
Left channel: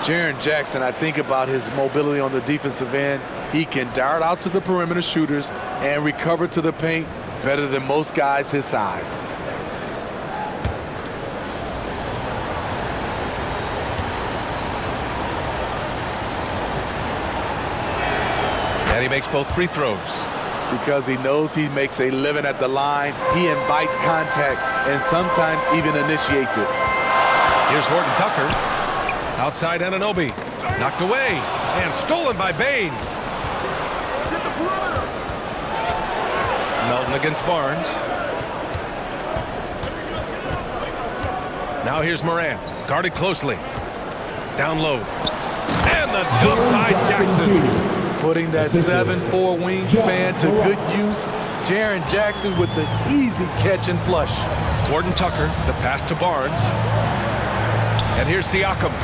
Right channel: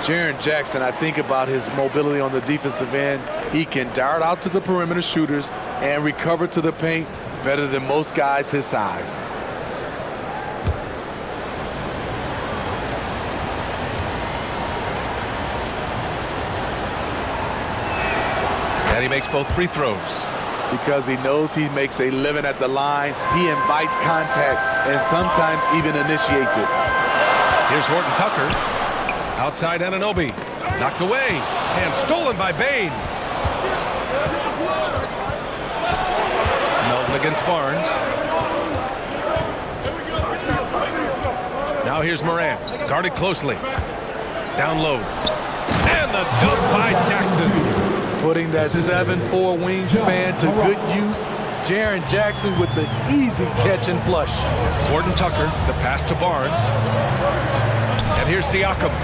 Jaren Jackson, I think about his mobility on the defensive end. He can dart out to the perimeter shooters and recover to the paint better than most guys his size. And he makes both free throws. Because he knows he makes a living at the line, he invites contact and sometimes even initiates it. Here's Horton Tucker. Outside Anunoby. Knocked away and stolen by Bain. Melton against Barnes. Now here's Morant, guarded closely. Down low. And the dunk by Jackson. Putting that 7'4" wingspan to good use. Jaren Jackson with the easy catch and flush. Horton Tucker, the pass to Barnes. And here's Siakam.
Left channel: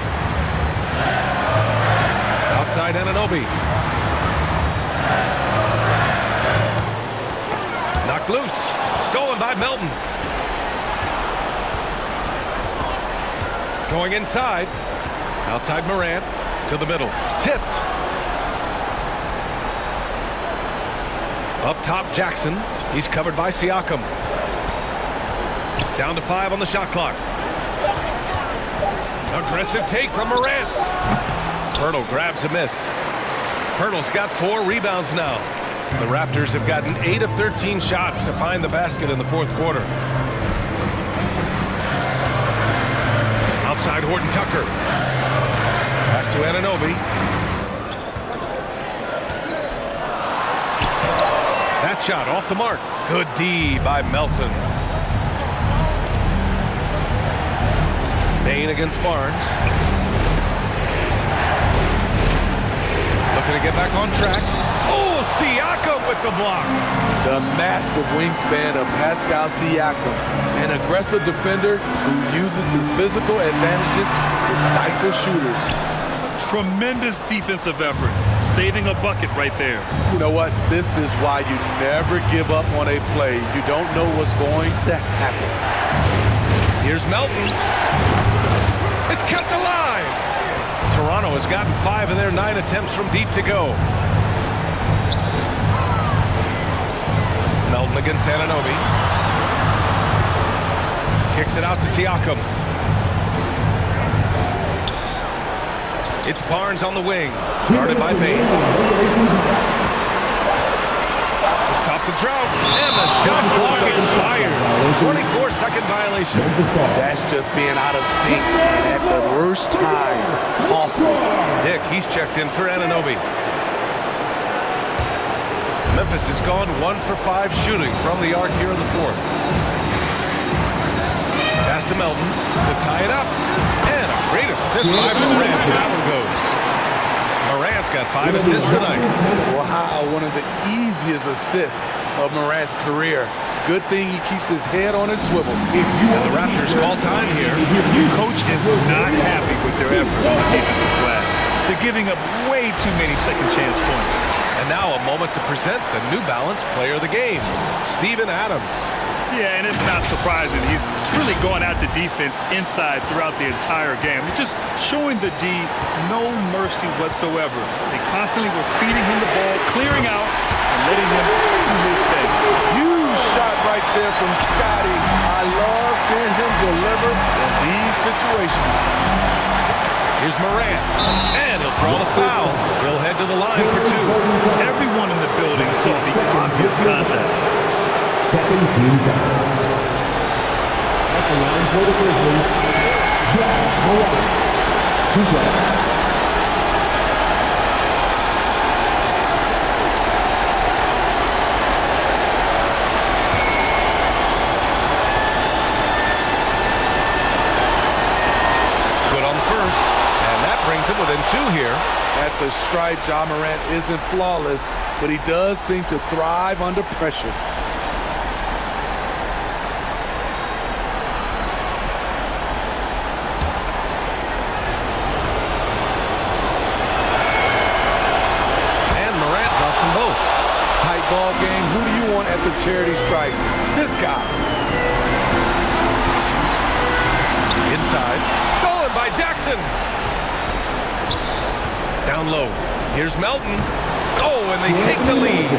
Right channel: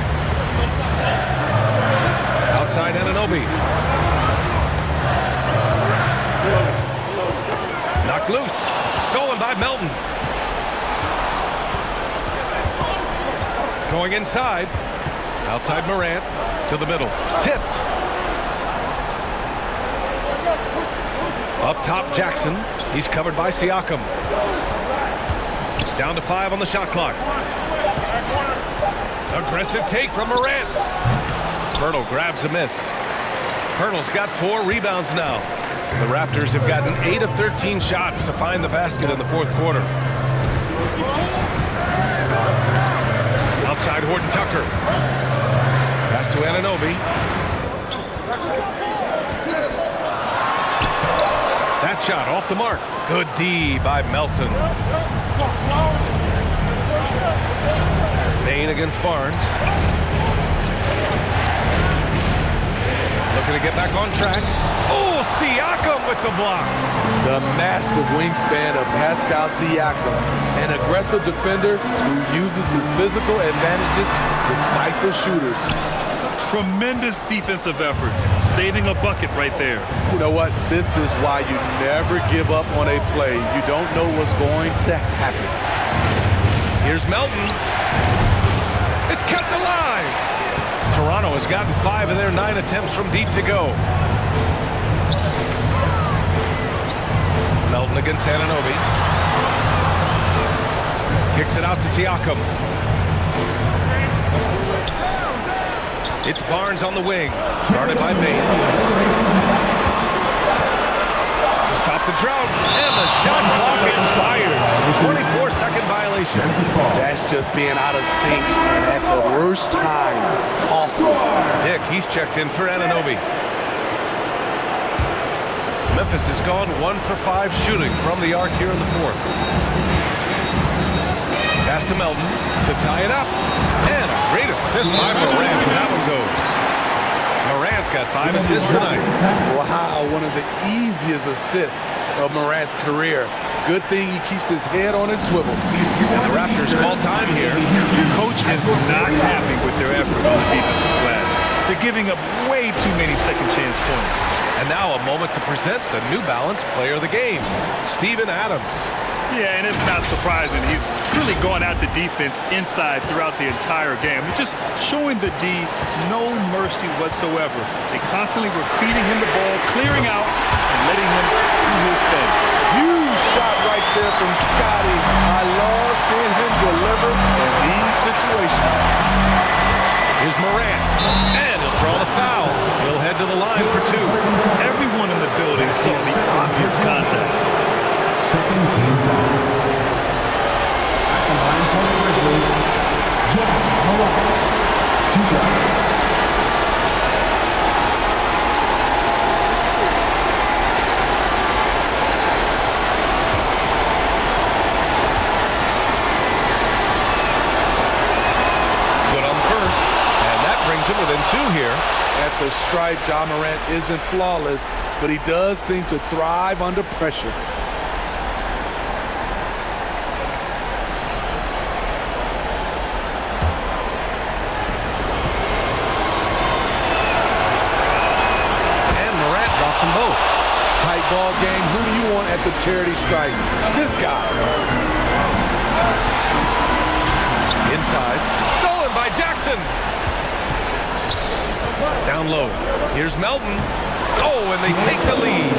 Outside Anunoby. Knocked loose. Stolen by Melton. Going inside. Outside Morant. To the middle. Tipped. Up top Jackson. He's covered by Siakam. Down to 5 on the shot clock. Aggressive take from Morant. Pirtle grabs a miss. Pirtle's got 4 rebounds now. The Raptors have gotten 8 of 13 shots to find the basket in the fourth quarter. Outside Horton Tucker. Pass to Anunoby. That shot off the mark. Good D by Melton. Bain against Barnes. Looking to get back on track. Oh, Siakam with the block. The massive wingspan of Pascal Siakam, an aggressive defender who uses his physical advantages to stifle shooters. Tremendous defensive effort, saving a bucket right there. You know what? This is why you never give up on a play. You don't know what's going to happen. Here's Melton. It's kept alive. Toronto has gotten 5 of their 9 attempts from deep to go. Melton against Anunoby. Kicks it out to Siakam. It's Barnes on the wing. Guarded by Bain. To stop the drought. And the shot clock expires. 24-second violation. That's just being out of sync and at the worst time. Costly. Dick, he's checked in for Anunoby. Memphis has gone 1 for 5 shooting from the arc here in the fourth. Pass to Melton to tie it up. And a great assist by Morant as that one goes. Morant's got 5 assists tonight. Wow, one of the easiest assists of Morant's career. Good thing he keeps his head on his swivel. And the Raptors call time here. Coach is not happy with their effort on the defensive glass. They're giving up way too many second chance points. And now a moment to present the New Balance Player of the Game, Steven Adams. Yeah, and it's not surprising. He's really going at the defense inside throughout the entire game. He's just showing the D no mercy whatsoever. They constantly were feeding him the ball, clearing out, and letting him do his thing. Huge shot right there from Scotty. I love seeing him deliver in these situations. Here's Morant, and he'll draw the foul. He'll head to the line for 2. Everyone in the building saw the obvious contact. Second team foul. At the line for the Grizzlies, Morant. 2 shots. Good on the first, and that brings him within 2 here. At the stripe, Ja Morant isn't flawless, but he does seem to thrive under pressure. Drops them both. Tight ball game. Who do you want at the charity stripe? This guy. Inside. Stolen by Jackson. Down low. Here's Melton. Oh, and they take the lead.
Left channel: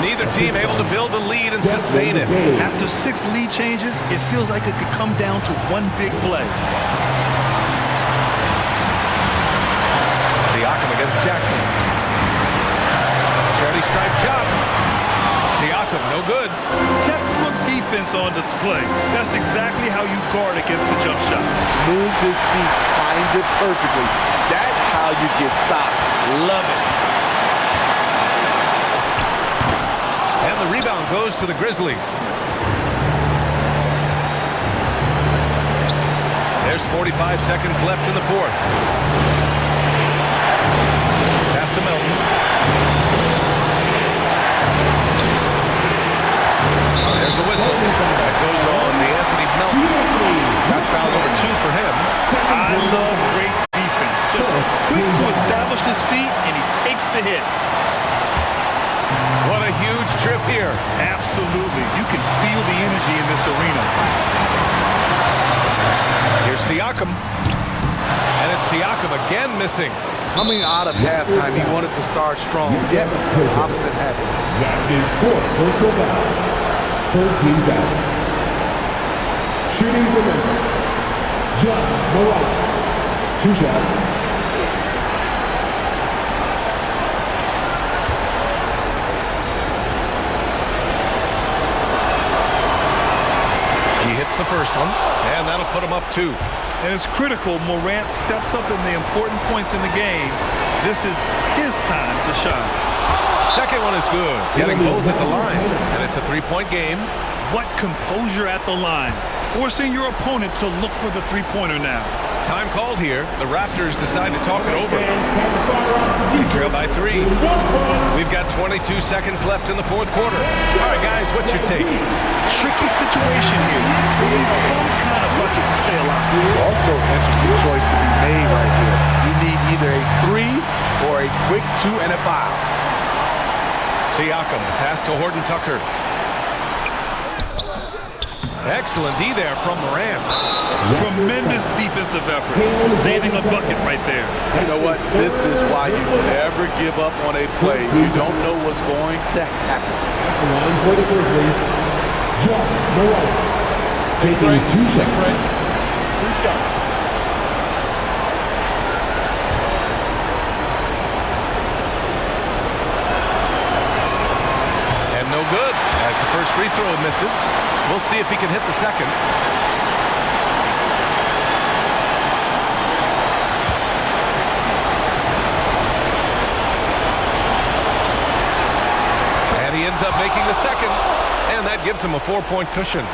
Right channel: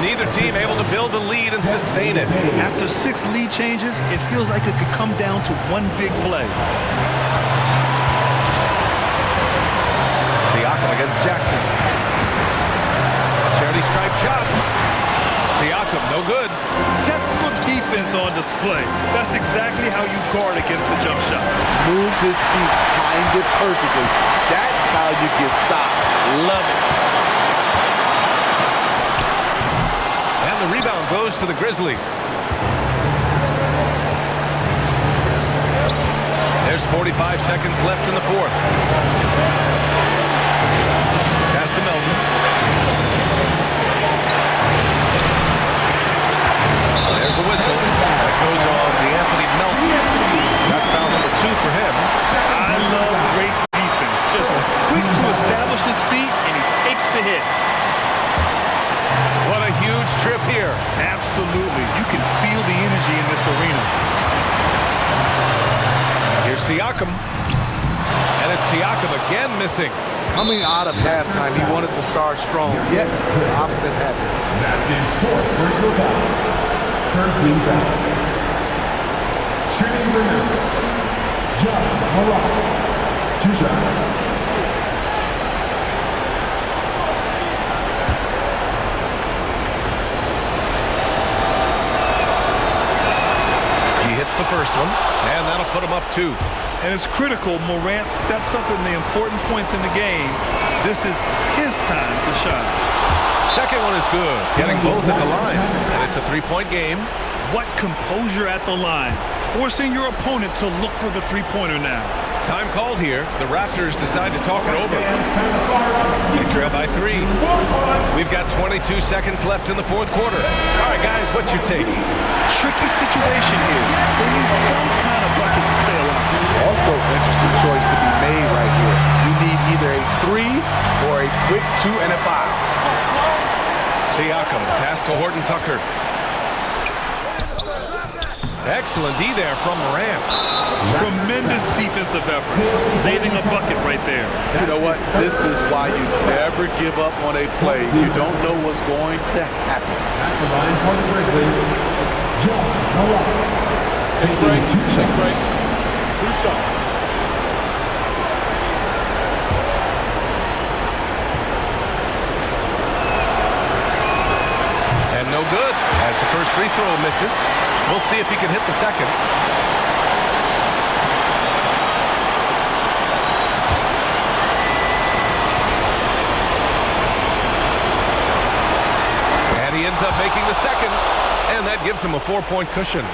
Neither team able to build a lead and sustain it. After 6 lead changes, it feels like it could come down to one big play. Siakam against Jackson. Charity stripe shot. Siakam, no good. Textbook defense on display. That's exactly how you guard against the jump shot. Moved his feet, timed it perfectly. That's how you get stops. Love it. And the rebound goes to the Grizzlies. There's 45 seconds left in the fourth. Pass to Melton. There's a whistle. That goes on the Anthony Melton. That's foul number 2 for him. I love great defense. Just quick to establish his feet, and he takes the hit. What a huge trip here. Absolutely. You can feel the energy in this arena. Here's Siakam. And it's Siakam again missing. Coming out of halftime, he wanted to start strong, yet the opposite happened. That's his 4th personal foul. 3rd team foul. Shooting for Memphis, Ja Morant. 2 shots. He hits the first one, and that'll put him up 2. And it's critical Morant steps up in the important points in the game. This is his time to shine. Second one is good, getting both at the line, and it's a 3-point game. What composure at the line, forcing your opponent to look for the three-pointer now. Time called here. The Raptors decide to talk it over. They trail by 3. We've got 22 seconds left in the fourth quarter. All right, guys, what's your take? Tricky situation here. They need some kind of bucket to stay alive. Also, interesting choice to be made right here. You need either a 3 or a quick 2 and a foul. Siakam, pass to Horton Tucker. Excellent D there from Morant. Tremendous defensive effort. Saving a bucket right there. You know what? This is why you never give up on a play. You don't know what's going to happen. At the line for the Grizzlies, Ja Morant. Taking 2 shots. Take a break. 2 shots. And no good, as the first free throw misses. We'll see if he can hit the second. And he ends up making the second, and that gives him a 4-point cushion.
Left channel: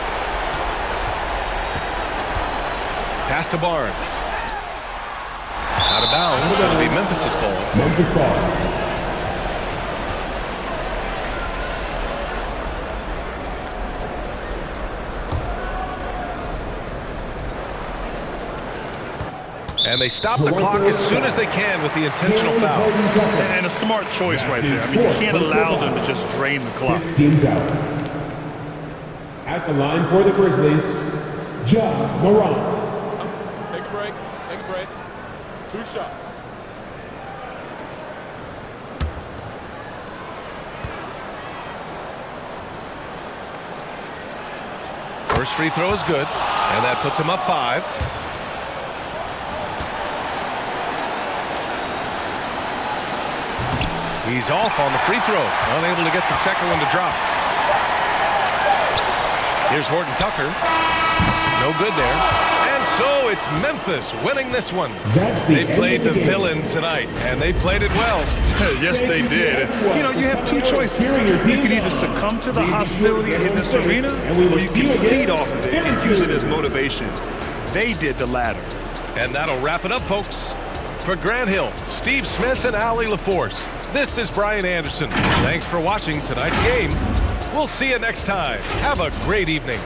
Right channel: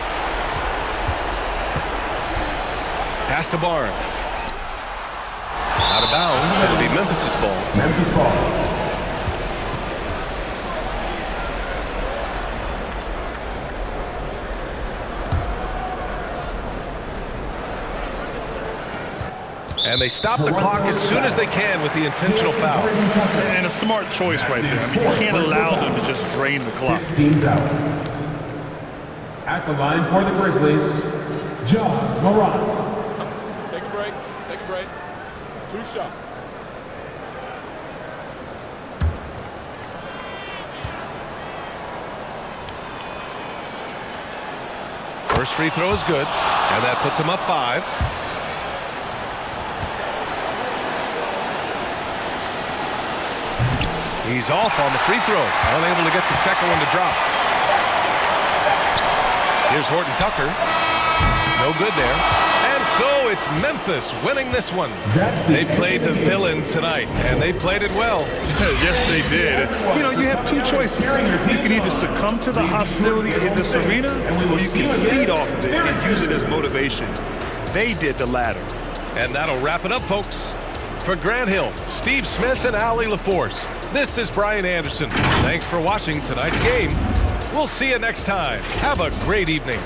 Pass to Barnes. Out of bounds, it'll be Memphis's ball. Memphis ball. And they stop the clock as soon as they can with the intentional foul. And a smart choice right there. I mean, you can't allow them to just drain the clock. 15 foul. At the line for the Grizzlies, Ja Morant. Take a break. Take a break. 2 shots. First free throw is good, and that puts him up 5. He's off on the free throw, unable to get the second one to drop. Here's Horton Tucker. No good there. And so it's Memphis winning this one. They played the villain tonight, and they played it well. Yes, they did. You know, you have 2 choices. You can either succumb to the hostility in this arena, or you can feed off of it and use it as motivation. They did the latter. And that'll wrap it up, folks. For Grant Hill, Steve Smith, and Allie LaForce, this is Brian Anderson. Thanks for watching tonight's game. We'll see you next time. Have a great evening.